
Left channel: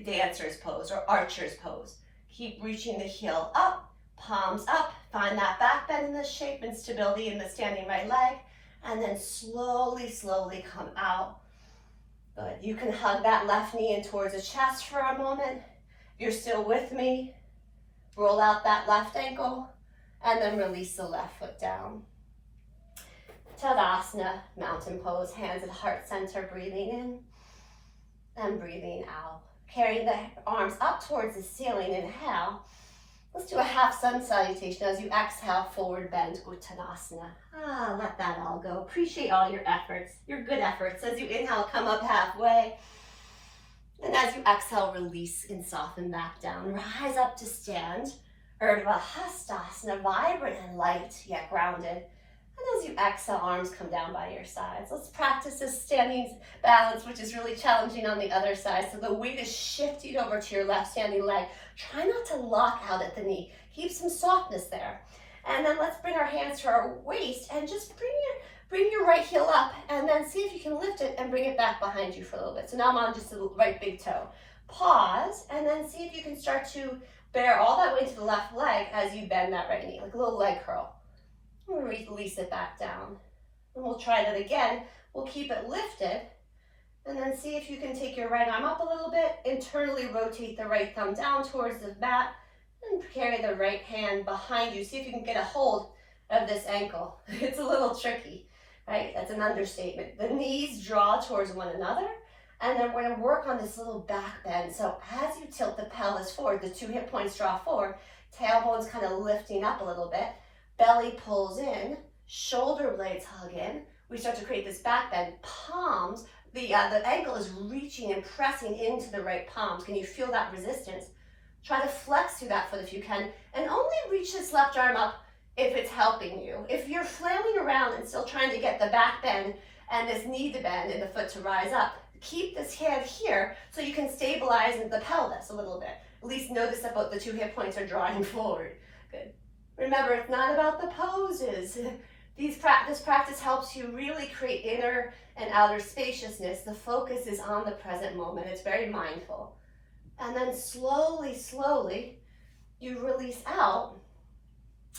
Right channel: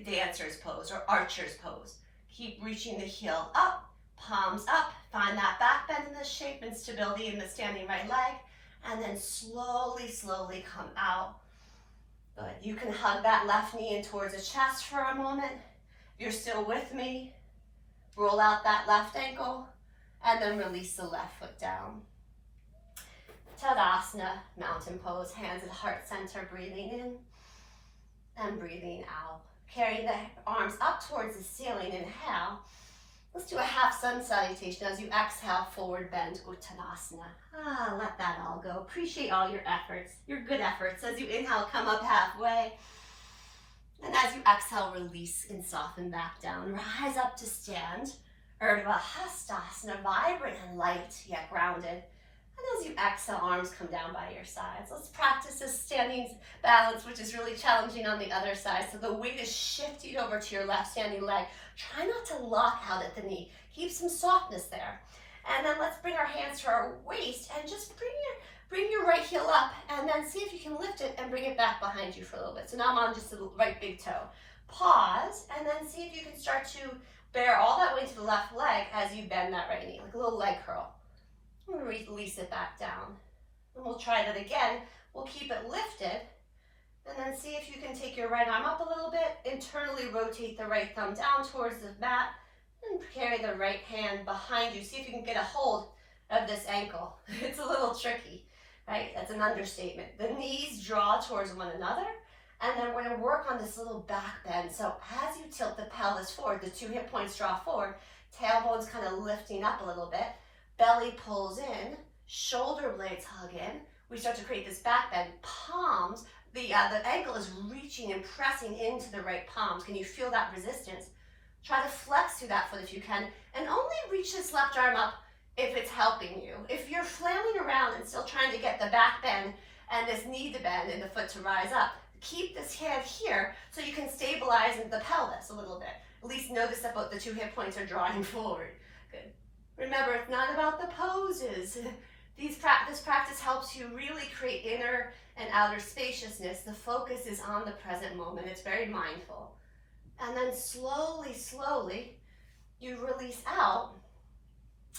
dancer's pose or archer's pose. Keep reaching the heel up, palms up, find that back bend in this shape and stability in the standing right leg, and then slowly, slowly come out. Good. You can hug that left knee in towards the chest for a moment. If you're still with me, roll out that left ankle, and then release the left foot down. Tadasana, mountain pose, hands at heart center, breathing in and breathing out. Carry the arms up towards the ceiling, inhale. Let's do a half sun salutation as you exhale, forward bend, Uttanasana. Let that all go. Appreciate all your efforts, your good efforts. As you inhale, come up halfway. And as you exhale, release and soften back down. Rise up to stand. Urdhva Hastasana, vibrant and light, yet grounded. And as you exhale, arms come down by your sides. Let's practice this standing balance, which is really challenging on the other side. So the weight is shifting over to your left standing leg. Try not to lock out at the knee. Keep some softness there. And then let's bring our hands to our waist and just bring your right heel up, and then see if you can lift it and bring it back behind you for a little bit. So now I'm on just the right big toe. Pause, and then see if you can start to bear all that weight to the left leg as you bend that right knee, like a little leg curl. Release it back down. And we'll try that again. We'll keep it lifted. And then see if you can take your right arm up a little bit. Internally rotate the right thumb down towards the mat. And carry the right hand behind you. See if you can get a hold of this ankle. It's a little tricky, right? That's an understatement. The knees draw towards one another. And then we're going to work on this little back bend. So as you tilt the pelvis forward, the two hip points draw forward. Tailbone's kind of lifting up a little bit. Belly pulls in, shoulder blades hug in. We start to create this back bend. Palms, the ankle is reaching and pressing into the right palms. Can you feel that resistance? Try to flex through that foot if you can, and only reach this left arm up if it's helping you. If you're flailing around and still trying to get the back bend and this knee to bend and the foot to rise up, keep this hand here so you can stabilize the pelvis a little bit. At least notice that both the two hip points are drawing forward. Good. Remember, it's not about the poses. This practice helps you really create inner and outer spaciousness. The focus is on the present moment. It's very mindful. And then slowly, slowly, you release out.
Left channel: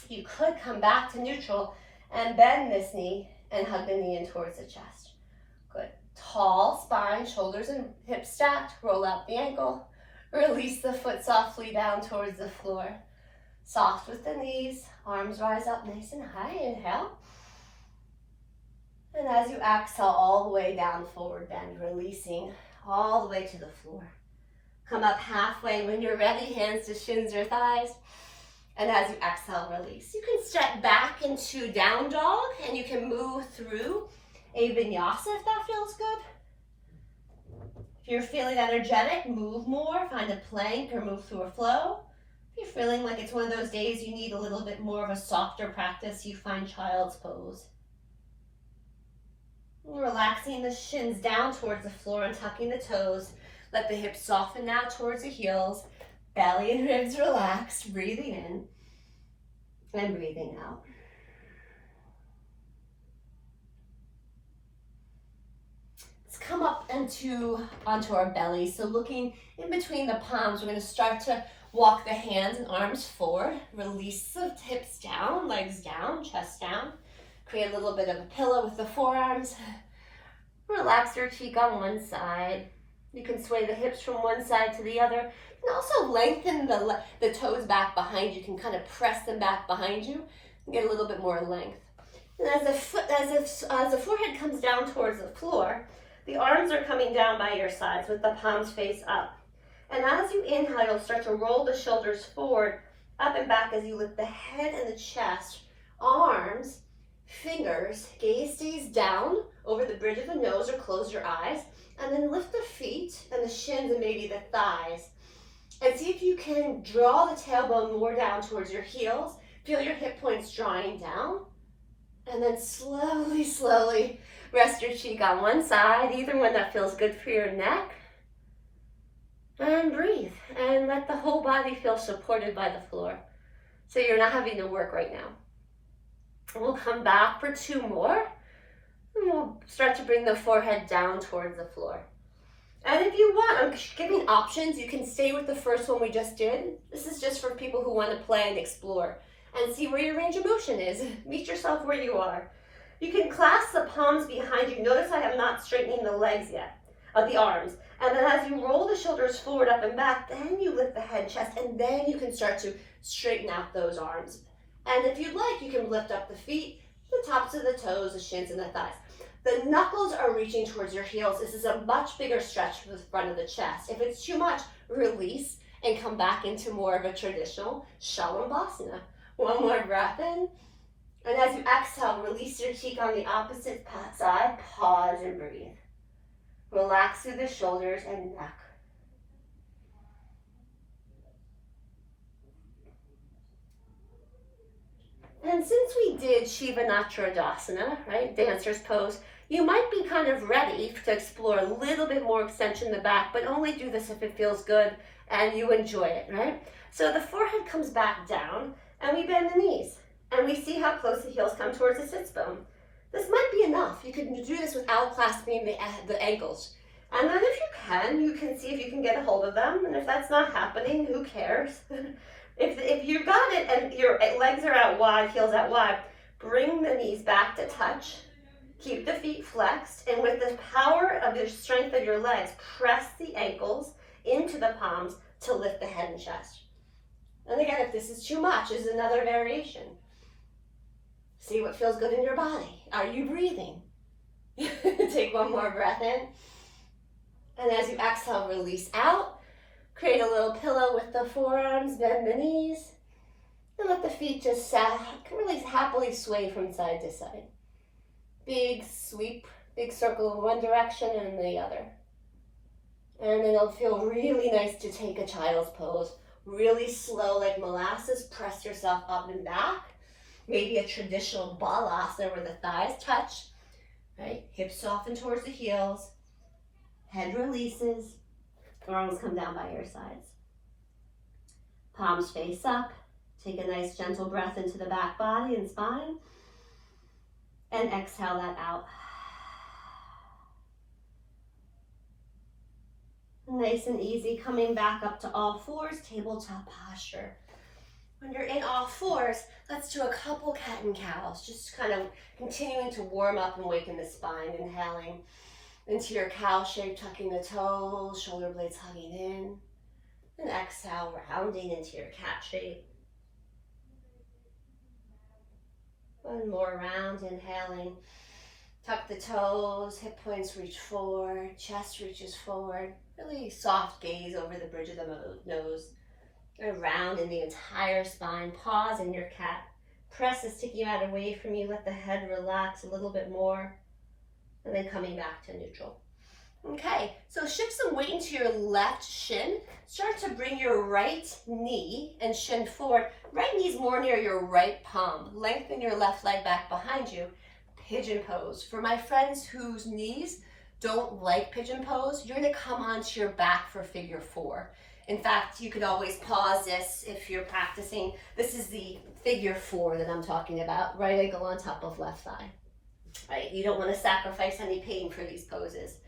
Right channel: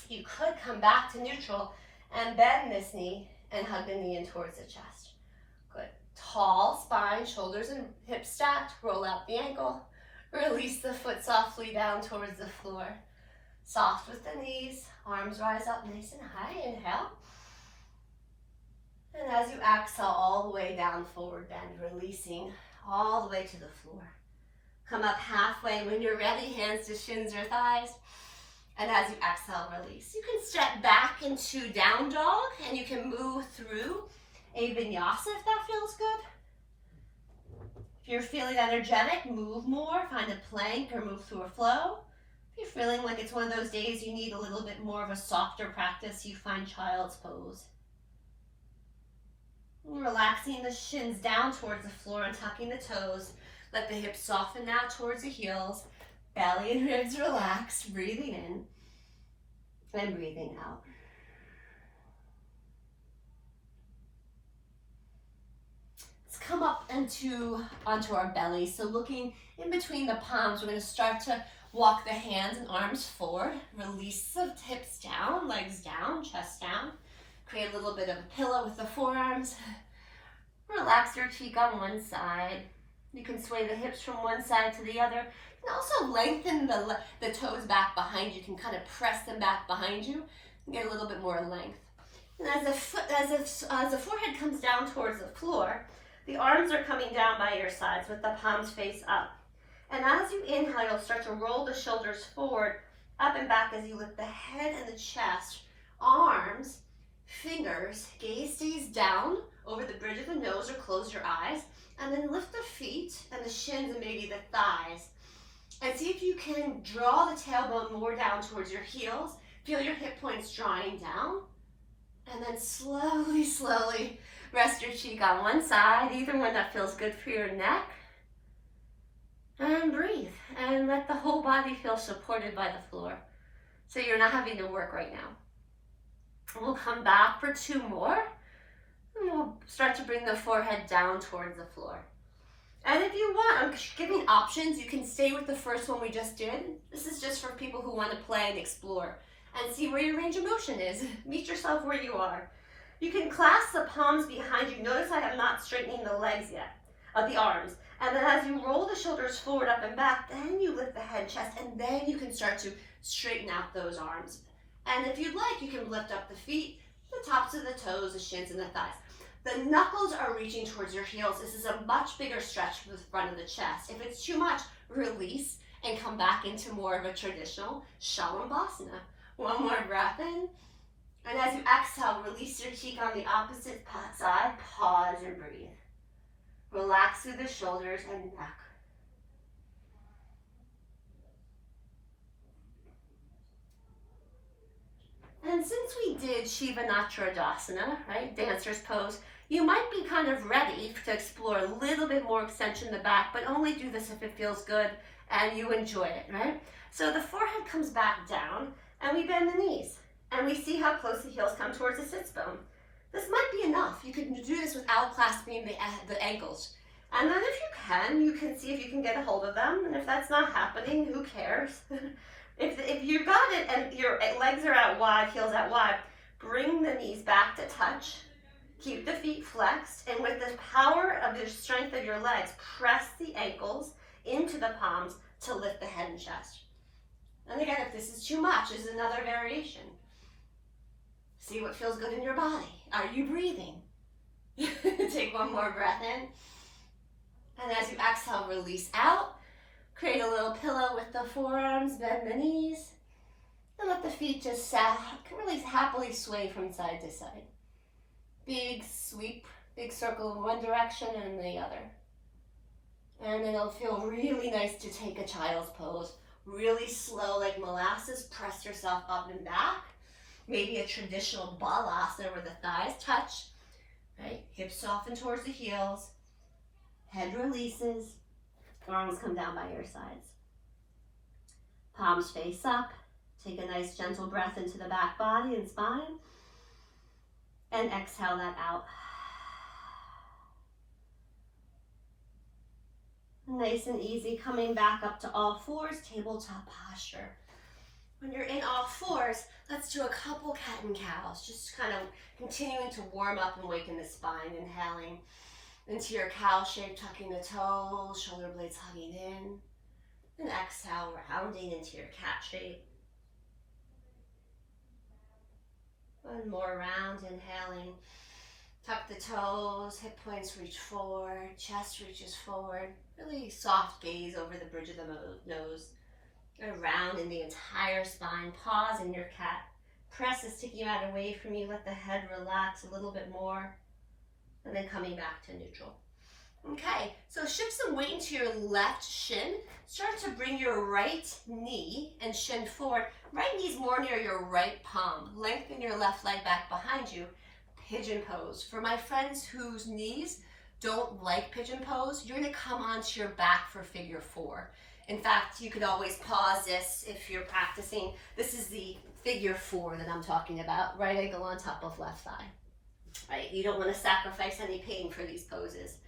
You could come back to neutral and bend this knee and hug the knee in towards the chest. Good. Tall spine, shoulders and hips stacked. Roll out the ankle. Release the foot softly down towards the floor. Soft with the knees, arms rise up nice and high, inhale. And as you exhale all the way down, forward bend, releasing all the way to the floor. Come up halfway. When you're ready, hands to shins or thighs. And as you exhale, release. You can step back into down dog, and you can move through a vinyasa if that feels good. If you're feeling energetic, move more. Find a plank or move through a flow. If you're feeling like it's one of those days you need a little bit more of a softer practice, you find child's pose. Relaxing the shins down towards the floor and tucking the toes. Let the hips soften now towards the heels. Belly and ribs relax. Breathing in and breathing out. Let's come up onto our belly. So looking in between the palms, we're going to start to walk the hands and arms forward. Release the hips down, legs down, chest down. Create a little bit of a pillow with the forearms. Relax your cheek on one side. You can sway the hips from one side to the other. You can also lengthen the toes back behind you. You can kind of press them back behind you and get a little bit more length. And as the forehead comes down towards the floor, the arms are coming down by your sides with the palms face up. And as you inhale, you'll start to roll the shoulders forward, up and back as you lift the head and the chest, arms, fingers, gaze stays down over the bridge of the nose or close your eyes, and then lift the feet and the shins and maybe the thighs. And see if you can draw the tailbone more down towards your heels. Feel your hip points drawing down. And then slowly, slowly rest your cheek on one side, either one that feels good for your neck. And breathe. And let the whole body feel supported by the floor. So you're not having to work right now. We'll come back for 2 more. And we'll start to bring the forehead down towards the floor. And if you want, I'm giving options. You can stay with the first one we just did. This is just for people who want to play and explore and see where your range of motion is. Meet yourself where you are. You can clasp the palms behind you. Notice I am not straightening the legs yet, of the arms. And then as you roll the shoulders forward, up and back, then you lift the head, chest, and then you can start to straighten out those arms. And if you'd like, you can lift up the feet, the tops of the toes, the shins, and the thighs. The knuckles are reaching towards your heels. This is a much bigger stretch for the front of the chest. If it's too much, release and come back into more of a traditional Shalabhasana. One more breath in. And as you exhale, release your cheek on the opposite side. Pause and breathe. Relax through the shoulders and neck. And since we did Shiva Natradasana, right, dancer's pose, you might be kind of ready to explore a little bit more extension in the back, but only do this if it feels good and you enjoy it, right? So the forehead comes back down and we bend the knees and we see how close the heels come towards the sits bone. This might be enough. You can do this without clasping the ankles. And then if you can see if you can get a hold of them. And if that's not happening, who cares? If you got it and your legs are out wide, heels out wide, bring the knees back to touch. Keep the feet flexed, and with the power of the strength of your legs, press the ankles into the palms to lift the head and chest. And again, if this is too much, is another variation. See what feels good in your body. Are you breathing? Take one more breath in. And as you exhale, release out. Create a little pillow with the forearms, bend the knees, and let the feet just really happily sway from side to side. Big sweep, big circle in one direction and in the other. And then it'll feel really nice to take a child's pose. Really slow, like molasses, press yourself up and back. Maybe a traditional balasana where the thighs touch, right? Hips soften towards the heels. Head releases. Arms come down by your sides. Palms face up. Take a nice gentle breath into the back body and spine. And exhale that out. Nice and easy, coming back up to all fours, tabletop posture. When you're in all fours, let's do a couple cat and cows, just kind of continuing to warm up and waken the spine, inhaling into your cow shape, tucking the toes, shoulder blades hugging in, and exhale, rounding into your cat shape. One more round, inhaling Tuck the toes, hip points reach forward, chest reaches forward. Really soft gaze over the bridge of the nose. Around in the entire spine. Pause in your cat. Press the sticky mat away from you. Let the head relax a little bit more. And then coming back to neutral. Okay, so shift some weight into your left shin. Start to bring your right knee and shin forward. Right knee's more near your right palm. Lengthen your left leg back behind you. Pigeon pose. For my friends whose knees don't like pigeon pose, you're gonna come onto your back for figure 4. In fact, you could always pause this if you're practicing. This is the figure 4 that I'm talking about. Right ankle on top of left thigh. Right? You don't want to sacrifice any pain for these poses.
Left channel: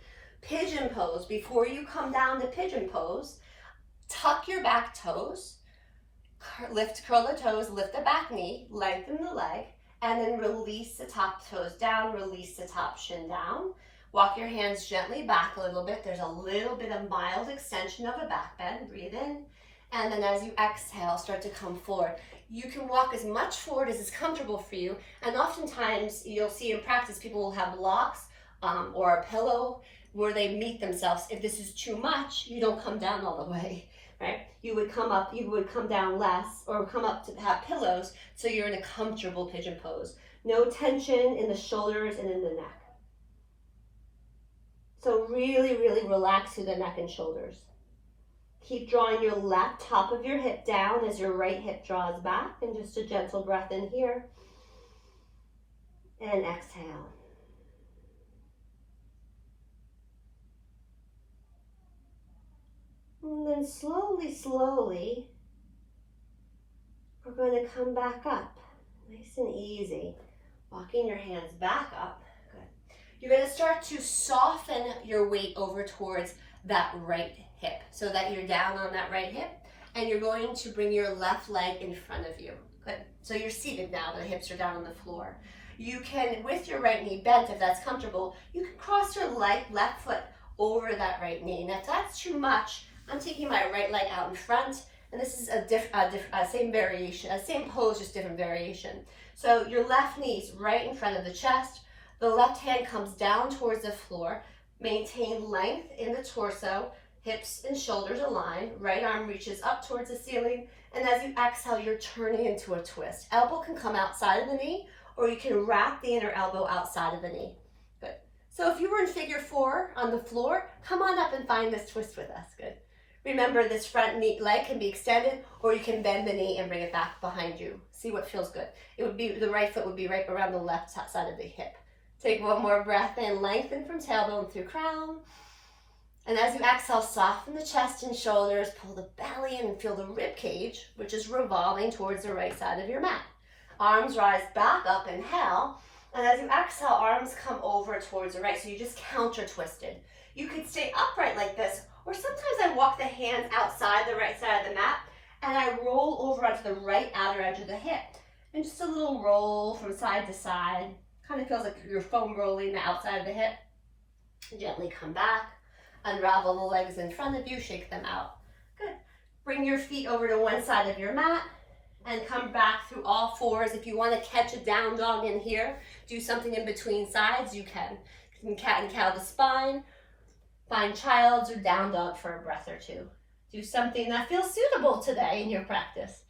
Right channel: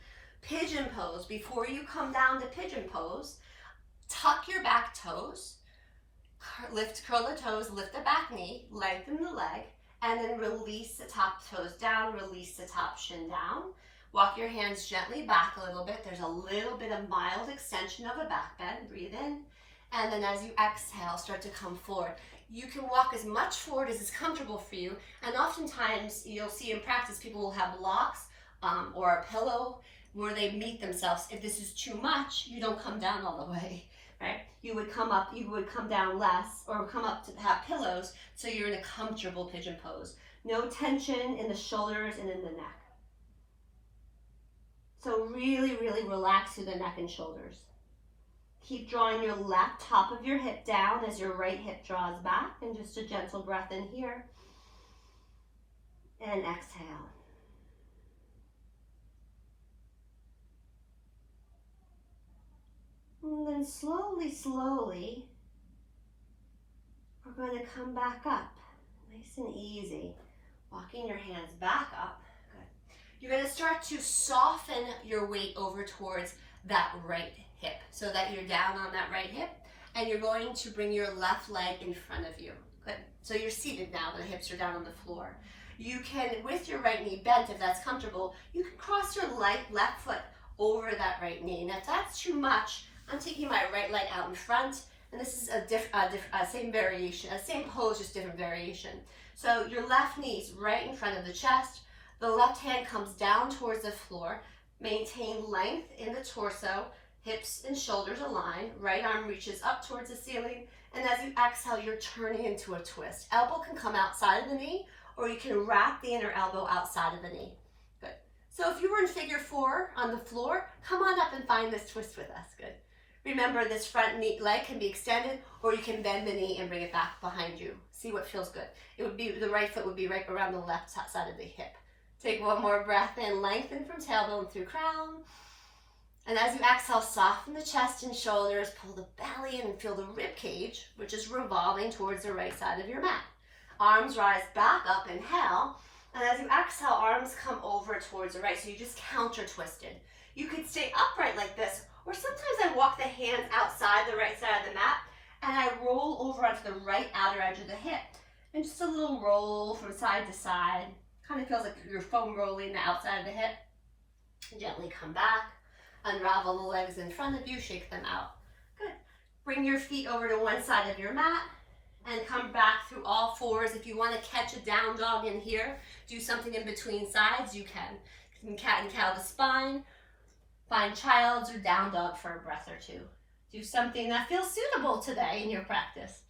Pigeon pose. Before you come down to pigeon pose, tuck your back toes, curl the toes, lift the back knee, lengthen the leg, and then release the top toes down, release the top shin down. Walk your hands gently back a little bit. There's a little bit of mild extension of a back bend. Breathe in. And then as you exhale, start to come forward. You can walk as much forward as is comfortable for you. And oftentimes, you'll see in practice, people will have blocks or a pillow where they meet themselves. If this is too much, you don't come down all the way, right? You would come up, you would come down less, or come up to have pillows, so you're in a comfortable pigeon pose. No tension in the shoulders and in the neck. So really, really relax through the neck and shoulders. Keep drawing your left top of your hip down as your right hip draws back, and just a gentle breath in here. And exhale. And then slowly, slowly, we're going to come back up. Nice and easy. Walking your hands back up. Good. You're going to start to soften your weight over towards that right hip so that you're down on that right hip, and you're going to bring your left leg in front of you. Good. So you're seated now, the hips are down on the floor. You can, with your right knee bent, if that's comfortable, you can cross your left foot over that right knee. And if that's too much, I'm taking my right leg out in front, and this is same variation, same pose, just different variation. So your left knee's right in front of the chest, the left hand comes down towards the floor, maintain length in the torso, hips and shoulders align, right arm reaches up towards the ceiling, and as you exhale, you're turning into a twist. Elbow can come outside of the knee, or you can wrap the inner elbow outside of the knee. Good. So if you were in figure 4 on the floor, come on up and find this twist with us. Good. Remember, this front knee leg can be extended, or you can bend the knee and bring it back behind you. See what feels good. It would be, the right foot would be right around the left side of the hip. Take one more breath in, lengthen from tailbone through crown. And as you exhale, soften the chest and shoulders, pull the belly in and feel the rib cage, which is revolving towards the right side of your mat. Arms rise back up, inhale. And as you exhale, arms come over towards the right, so you just counter twisted. You could stay upright like this, or sometimes I walk the hands outside the right side of the mat, and I roll over onto the right outer edge of the hip. And just a little roll from side to side. Kind of feels like you're foam rolling the outside of the hip. Gently come back. Unravel the legs in front of you, shake them out. Good. Bring your feet over to one side of your mat and come back through all fours. If you want to catch a down dog in here, do something in between sides, you can. You can cat and cow the spine, find child's or down dog for a breath or two. Do something that feels suitable today in your practice.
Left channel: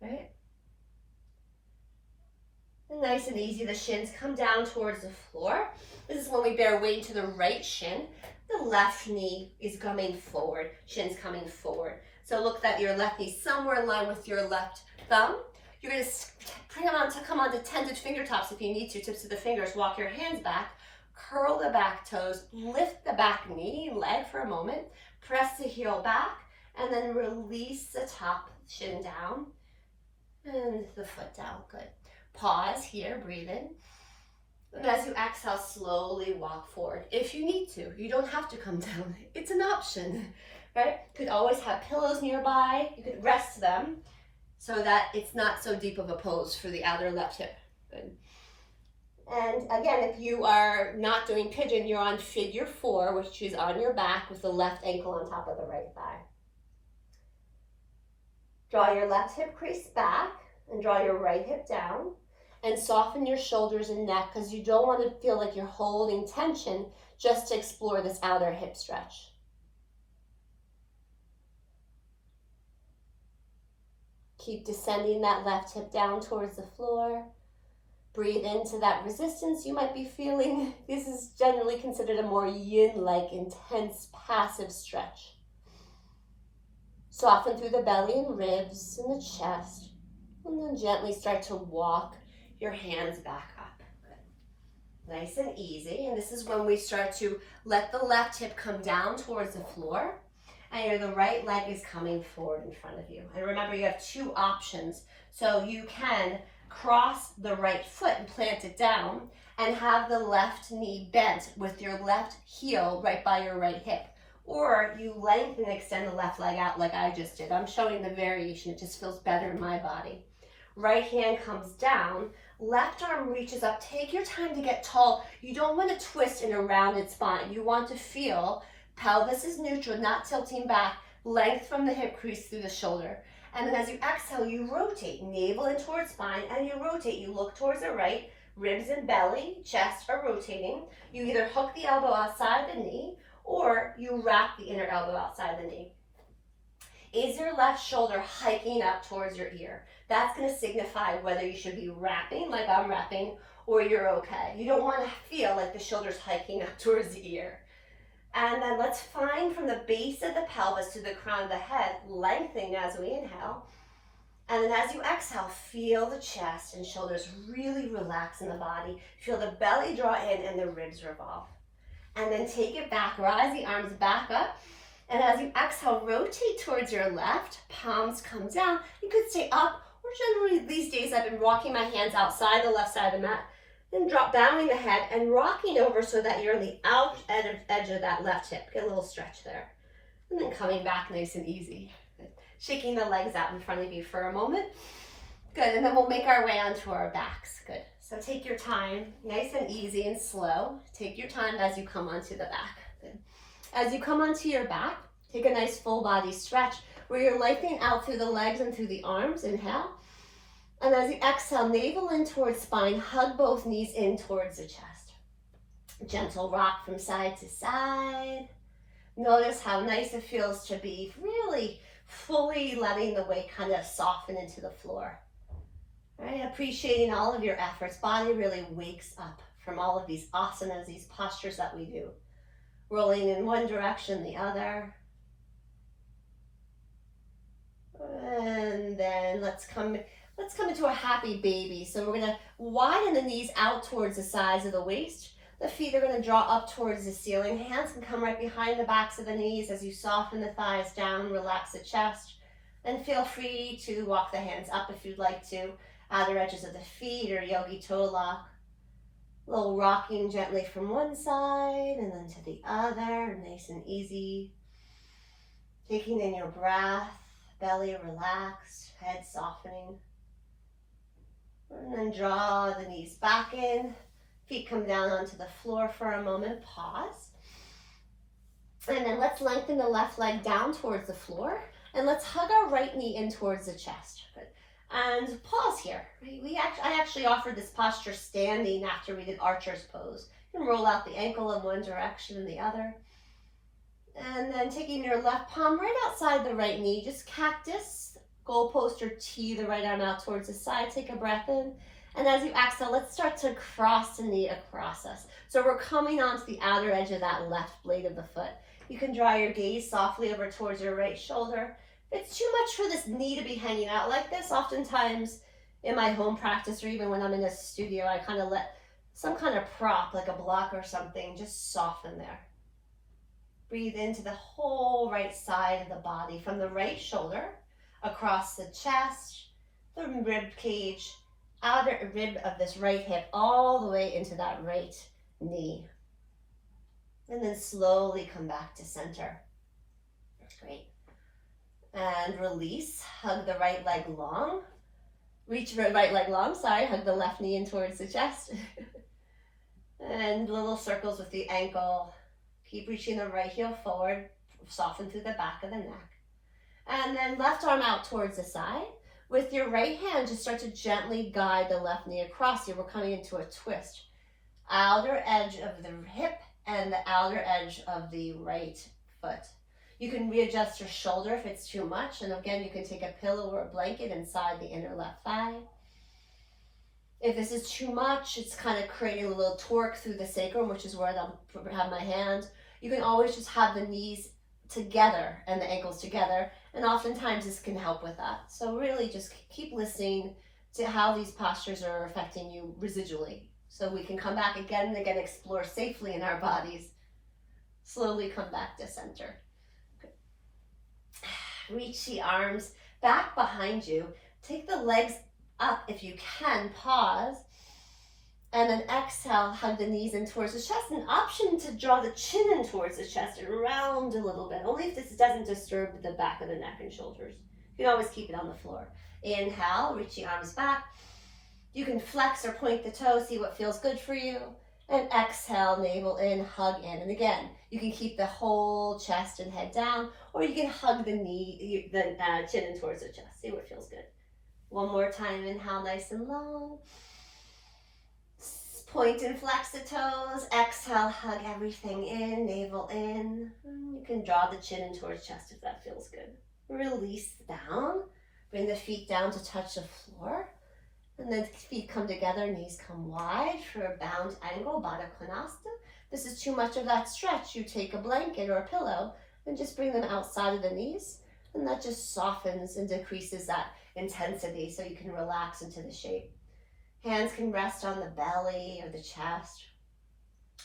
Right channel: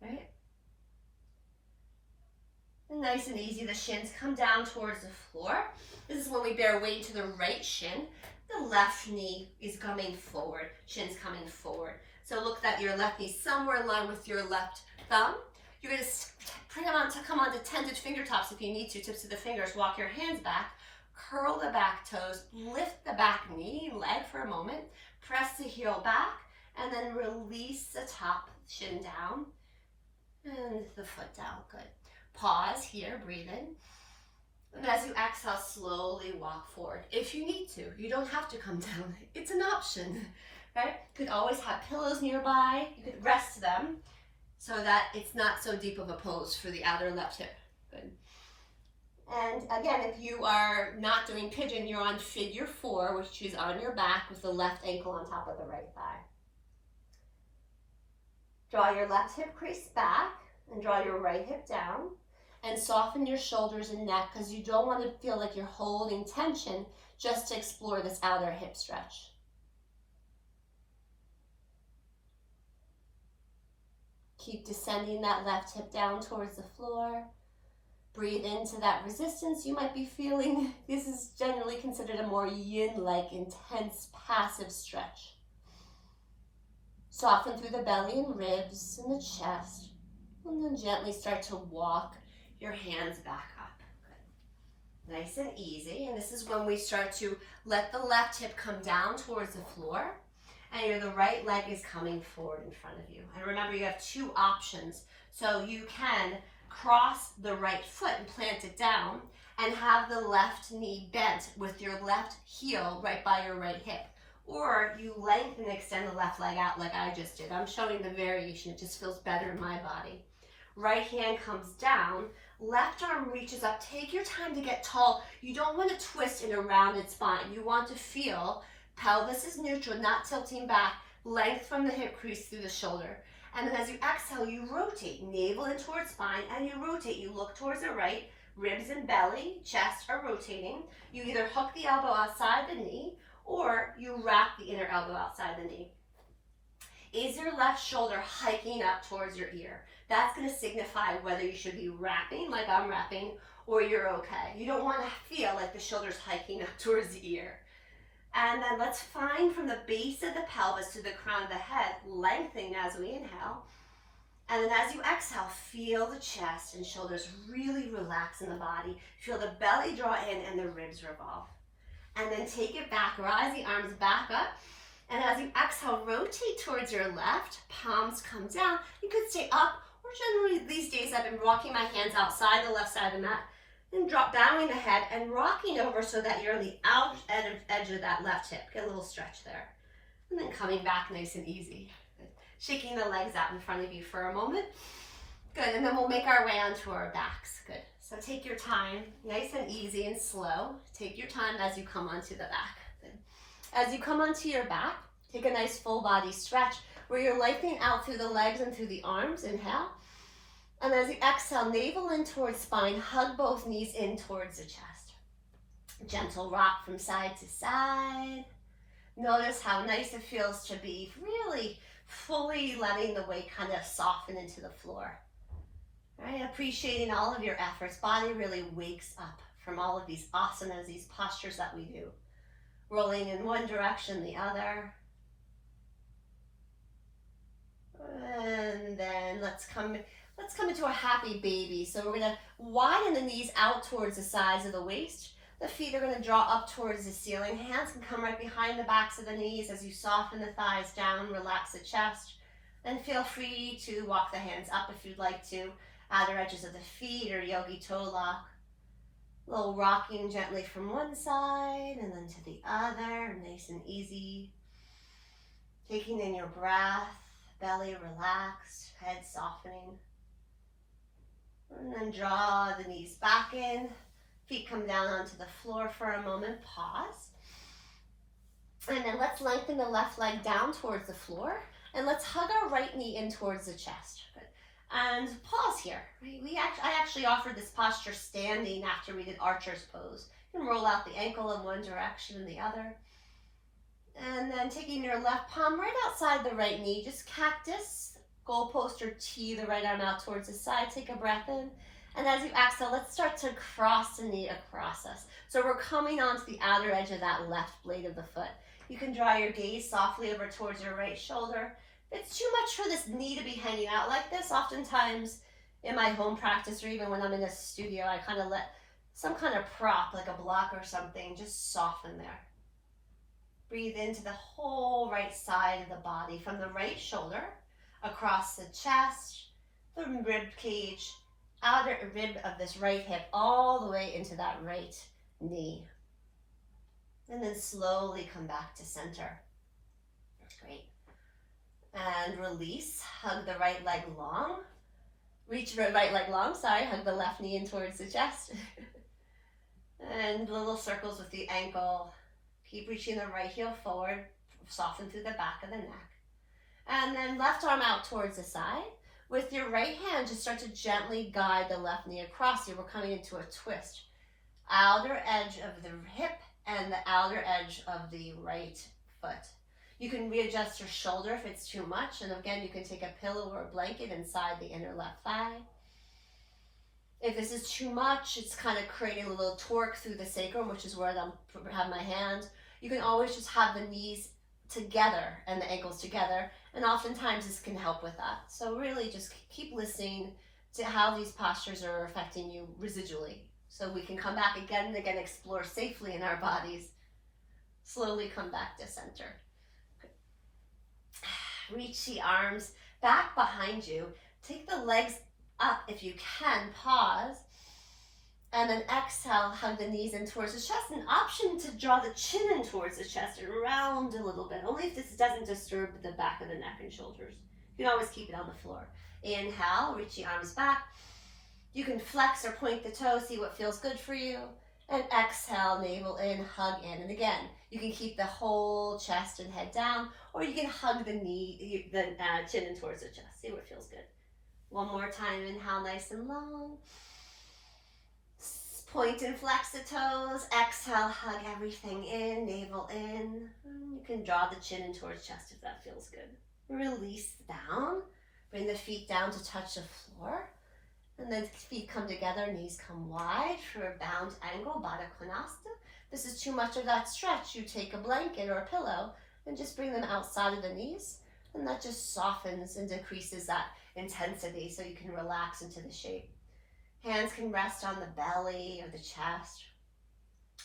Right? And nice and easy, the shins come down towards the floor. This is when we bear weight into the right shin. The left knee is coming forward, shins coming forward. So look that your left knee somewhere in line with your left thumb. You're going to come onto tented finger tops if you need to, tips of the fingers. Walk your hands back, curl the back toes, lift the back knee, leg for a moment, press the heel back, and then release the top shin down and the foot down. Good. Pause here, breathe in. And as you exhale, slowly walk forward. If you need to, you don't have to come down. It's an option, right? You could always have pillows nearby. You could rest them so that it's not so deep of a pose for the outer left hip. Good. And again, if you are not doing pigeon, you're on figure 4, which is on your back with the left ankle on top of the right thigh. Draw your left hip crease back and draw your right hip down. and soften your shoulders and neck because you don't want to feel like you're holding tension just to explore this outer hip stretch. Keep descending that left hip down towards the floor. Breathe into that resistance you might be feeling. This is generally considered a more yin-like, intense, passive stretch. Soften through the belly and ribs and the chest. And then gently start to walk your hands back up. Good. Nice and easy. And this is when we start to let the left hip come down towards the floor. And the right leg is coming forward in front of you. And remember, you have two options. So you can cross the right foot and plant it down and have the left knee bent with your left heel right by your right hip. Or you lengthen and extend the left leg out like I just did. I'm showing the variation. It just feels better in my body. Right hand comes down. Left arm reaches up. Take your time to get tall. You don't want to twist in a rounded spine. You want to feel pelvis is neutral, not tilting back. Length from the hip crease through the shoulder. And then as you exhale, you rotate, navel in towards spine, and you rotate. You look towards the right, ribs and belly, chest are rotating. You either hook the elbow outside the knee, or you wrap the inner elbow outside the knee. Is your left shoulder hiking up towards your ear? That's going to signify whether you should be wrapping, like I'm wrapping, or you're okay. You don't want to feel like the shoulder's hiking up towards the ear. And then let's find from the base of the pelvis to the crown of the head, lengthening as we inhale. And then as you exhale, feel the chest and shoulders really relax in the body. Feel the belly draw in and the ribs revolve. And then take it back, rise the arms back up. And as you exhale, rotate towards your left, palms come down. You could stay up, or generally these days I've been rocking my hands outside the left side of the mat. Then drop bowing the head and rocking over so that you're on the out edge of that left hip. Get a little stretch there. And then coming back nice and easy. Shaking the legs out in front of you for a moment. Good, and then we'll make our way onto our backs. Good. So take your time, nice and easy and slow. Take your time as you come onto the back. Good. As you come onto your back, take a nice full body stretch where you're lifting out through the legs and through the arms. Inhale. And as you exhale, navel in towards spine, hug both knees in towards the chest. Gentle rock from side to side. Notice how nice it feels to be really fully letting the weight kind of soften into the floor. Right? Appreciating all of your efforts. Body really wakes up from all of these asanas, these postures that we do. Rolling in one direction, the other. And then let's come into a happy baby. So we're gonna widen the knees out towards the sides of the waist. The feet are gonna draw up towards the ceiling. Hands can come right behind the backs of the knees as you soften the thighs down, relax the chest. Then feel free to walk the hands up if you'd like to. Outer edges of the feet or yogi toe lock. A little rocking gently from one side and then to the other, nice and easy. Taking in your breath, belly relaxed, head softening. And then draw the knees back in. Feet come down onto the floor for a moment. Pause. And then let's lengthen the left leg down towards the floor. And let's hug our right knee in towards the chest. Good. And pause here. I actually offered this posture standing after we did archer's pose. You can roll out the ankle in one direction and the other. And then taking your left palm right outside the right knee, just cactus, goalpost or T, the right arm out towards the side. Take a breath in. And as you exhale, let's start to cross the knee across us. So we're coming onto the outer edge of that left blade of the foot. You can draw your gaze softly over towards your right shoulder. If it's too much for this knee to be hanging out like this, oftentimes in my home practice or even when I'm in a studio, I kind of let some kind of prop, like a block or something, just soften there. Breathe into the whole right side of the body, from the right shoulder, across the chest, the rib cage, outer rib of this right hip, all the way into that right knee. And then slowly come back to center. Great. And release, hug the right leg long. Reach the right leg long, hug the left knee in towards the chest. And little circles with the ankle. Keep reaching the right heel forward, soften through the back of the neck. And then left arm out towards the side. With your right hand, just start to gently guide the left knee across you. We're coming into a twist. Outer edge of the hip and the outer edge of the right foot. You can readjust your shoulder if it's too much. And again, you can take a pillow or a blanket inside the inner left thigh. If this is too much, it's kind of creating a little torque through the sacrum, which is where I have my hand. You can always just have the knees together and the ankles together. And oftentimes this can help with that. So really just keep listening to how these postures are affecting you residually. So we can come back again and again, explore safely in our bodies. Slowly come back to center. Reach the arms back behind you. Take the legs up if you can. Pause. And then exhale, hug the knees in towards the chest. An option to draw the chin in towards the chest and round a little bit. Only if this doesn't disturb the back of the neck and shoulders. You can always keep it on the floor. Inhale, reach the arms back. You can flex or point the toes, see what feels good for you. And exhale, navel in, hug in. And again, you can keep the whole chest and head down, or you can hug the chin in towards the chest. See what feels good. One more time, inhale nice and long. Point and flex the toes. Exhale, hug everything in, navel in. You can draw the chin in towards chest if that feels good. Release down. Bring the feet down to touch the floor. And then feet come together, knees come wide for a bound angle, Baddha Konasana. This is too much of that stretch. You take a blanket or a pillow and just bring them outside of the knees. And that just softens and decreases that intensity so you can relax into the shape. Hands can rest on the belly or the chest.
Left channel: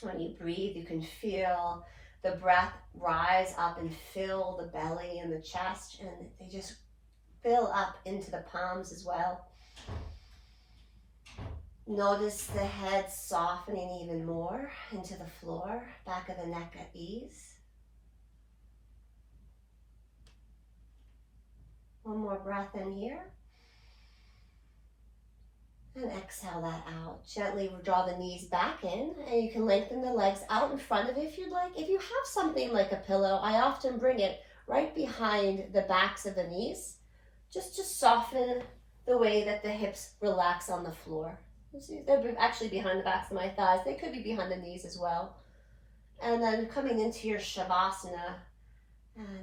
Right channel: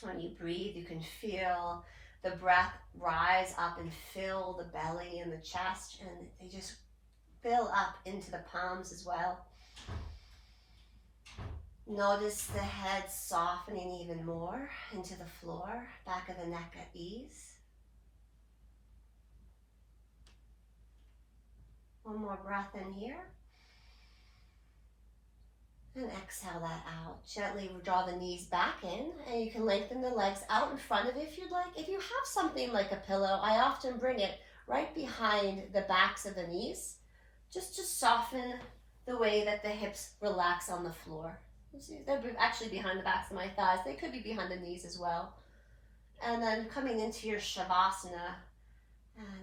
When you breathe, you can feel the breath rise up and fill the belly and the chest, and they just fill up into the palms as well. Notice the head softening even more into the floor, back of the neck at ease. One more breath in here. And exhale that out. Gently draw the knees back in, and you can lengthen the legs out in front of you if you'd like. If you have something like a pillow, I often bring it right behind the backs of the knees, just to soften the way that the hips relax on the floor. They're actually behind the backs of my thighs. They could be behind the knees as well. And then coming into your Shavasana,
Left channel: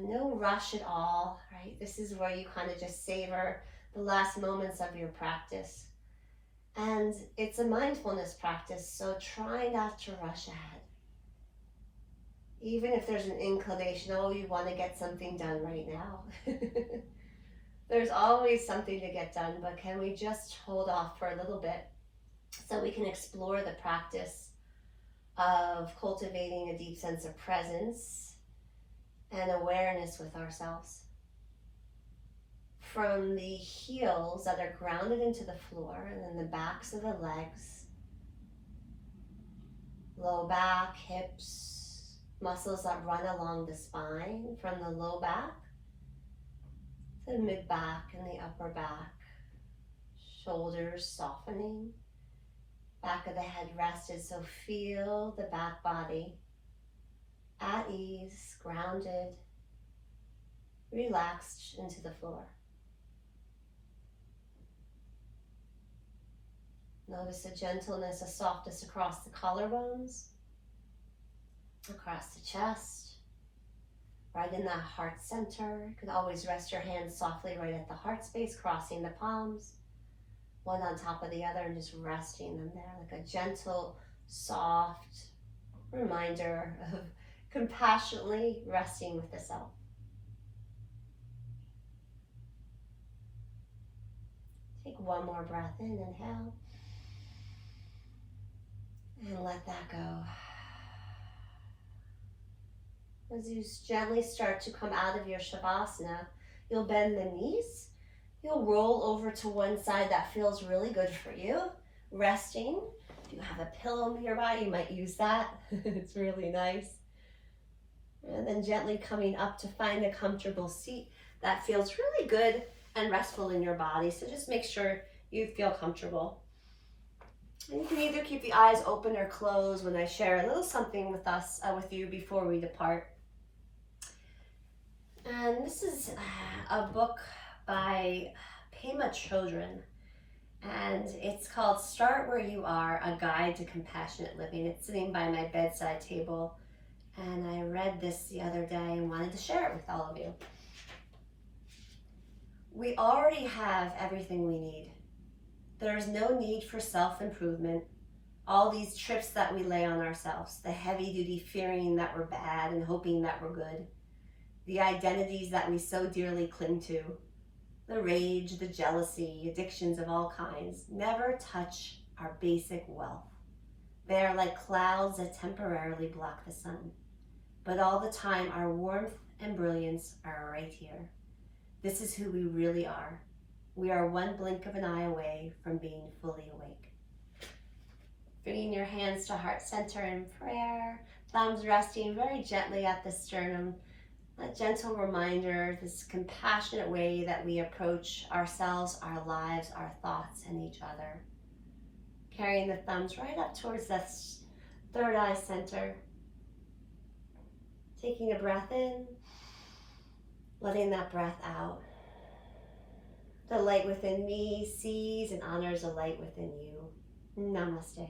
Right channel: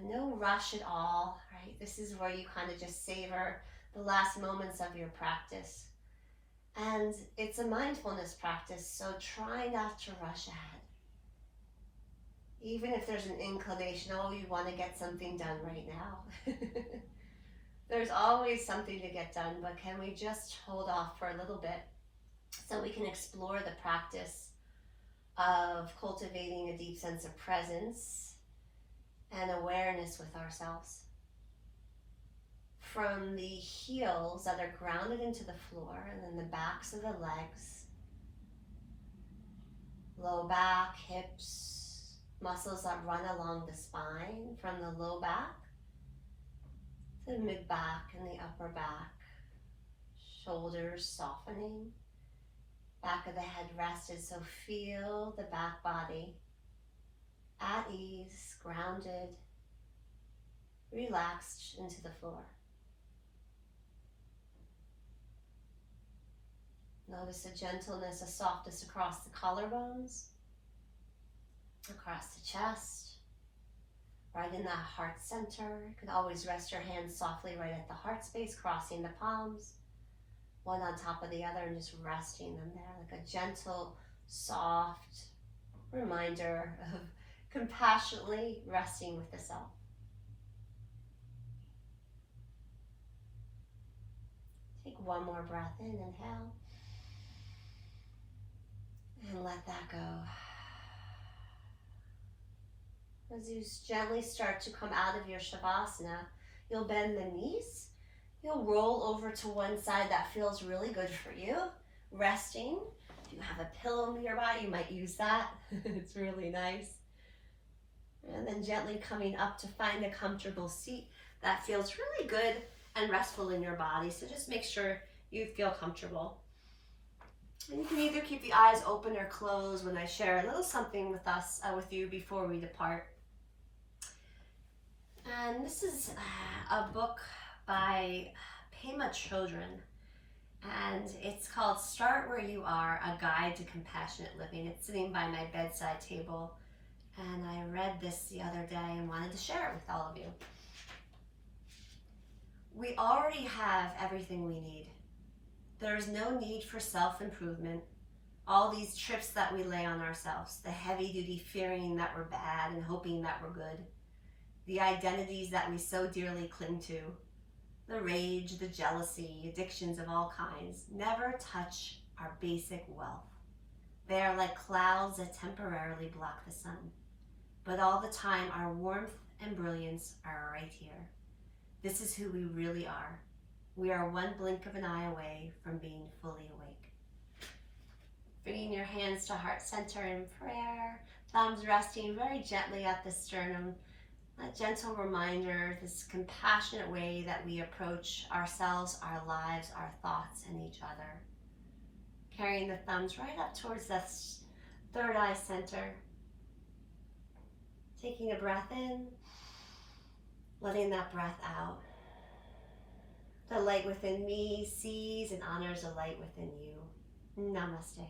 no rush at all, right? This is where you kind of just savor the last moments of your practice. And it's a mindfulness practice, so try not to rush ahead. Even if there's an inclination, oh, you want to get something done right now. There's always something to get done, but can we just hold off for a little bit so we can explore the practice of cultivating a deep sense of presence and awareness with ourselves. From the heels that are grounded into the floor, and then the backs of the legs, low back, hips, muscles that run along the spine, from the low back to the mid back and the upper back, shoulders softening, back of the head rested, so feel the back body at ease, grounded, relaxed into the floor. Notice the gentleness, the softness across the collarbones, across the chest, right in that heart center. You can always rest your hands softly right at the heart space, crossing the palms, one on top of the other, and just resting them there, like a gentle, soft reminder of compassionately resting with the self. Take one more breath in, inhale. And let that go. As you gently start to come out of your Shavasana, you'll bend the knees. You'll roll over to one side that feels really good for you. Resting. If you have a pillow nearby, you might use that. It's really nice. And then gently coming up to find a comfortable seat that feels really good and restful in your body. So just make sure you feel comfortable. And you can either keep the eyes open or closed when I share a little something with us, with you before we depart. And this is a book by Pema Chodron, and it's called Start Where You Are, A Guide to Compassionate Living. It's sitting by my bedside table, and I read this the other day and wanted to share it with all of you. We already have everything we need. There is no need for self-improvement. All these trips that we lay on ourselves, the heavy-duty fearing that we're bad and hoping that we're good, the identities that we so dearly cling to, the rage, the jealousy, addictions of all kinds, never touch our basic wealth. They are like clouds that temporarily block the sun. But all the time, our warmth and brilliance are right here. This is who we really are. We are one blink of an eye away from being fully awake. Bringing your hands to heart center in prayer, thumbs resting very gently at the sternum. A gentle reminder, this compassionate way that we approach ourselves, our lives, our thoughts, and each other. Carrying the thumbs right up towards that third eye center. Taking a breath in, letting that breath out. The light within me sees and honors the light within you. Namaste.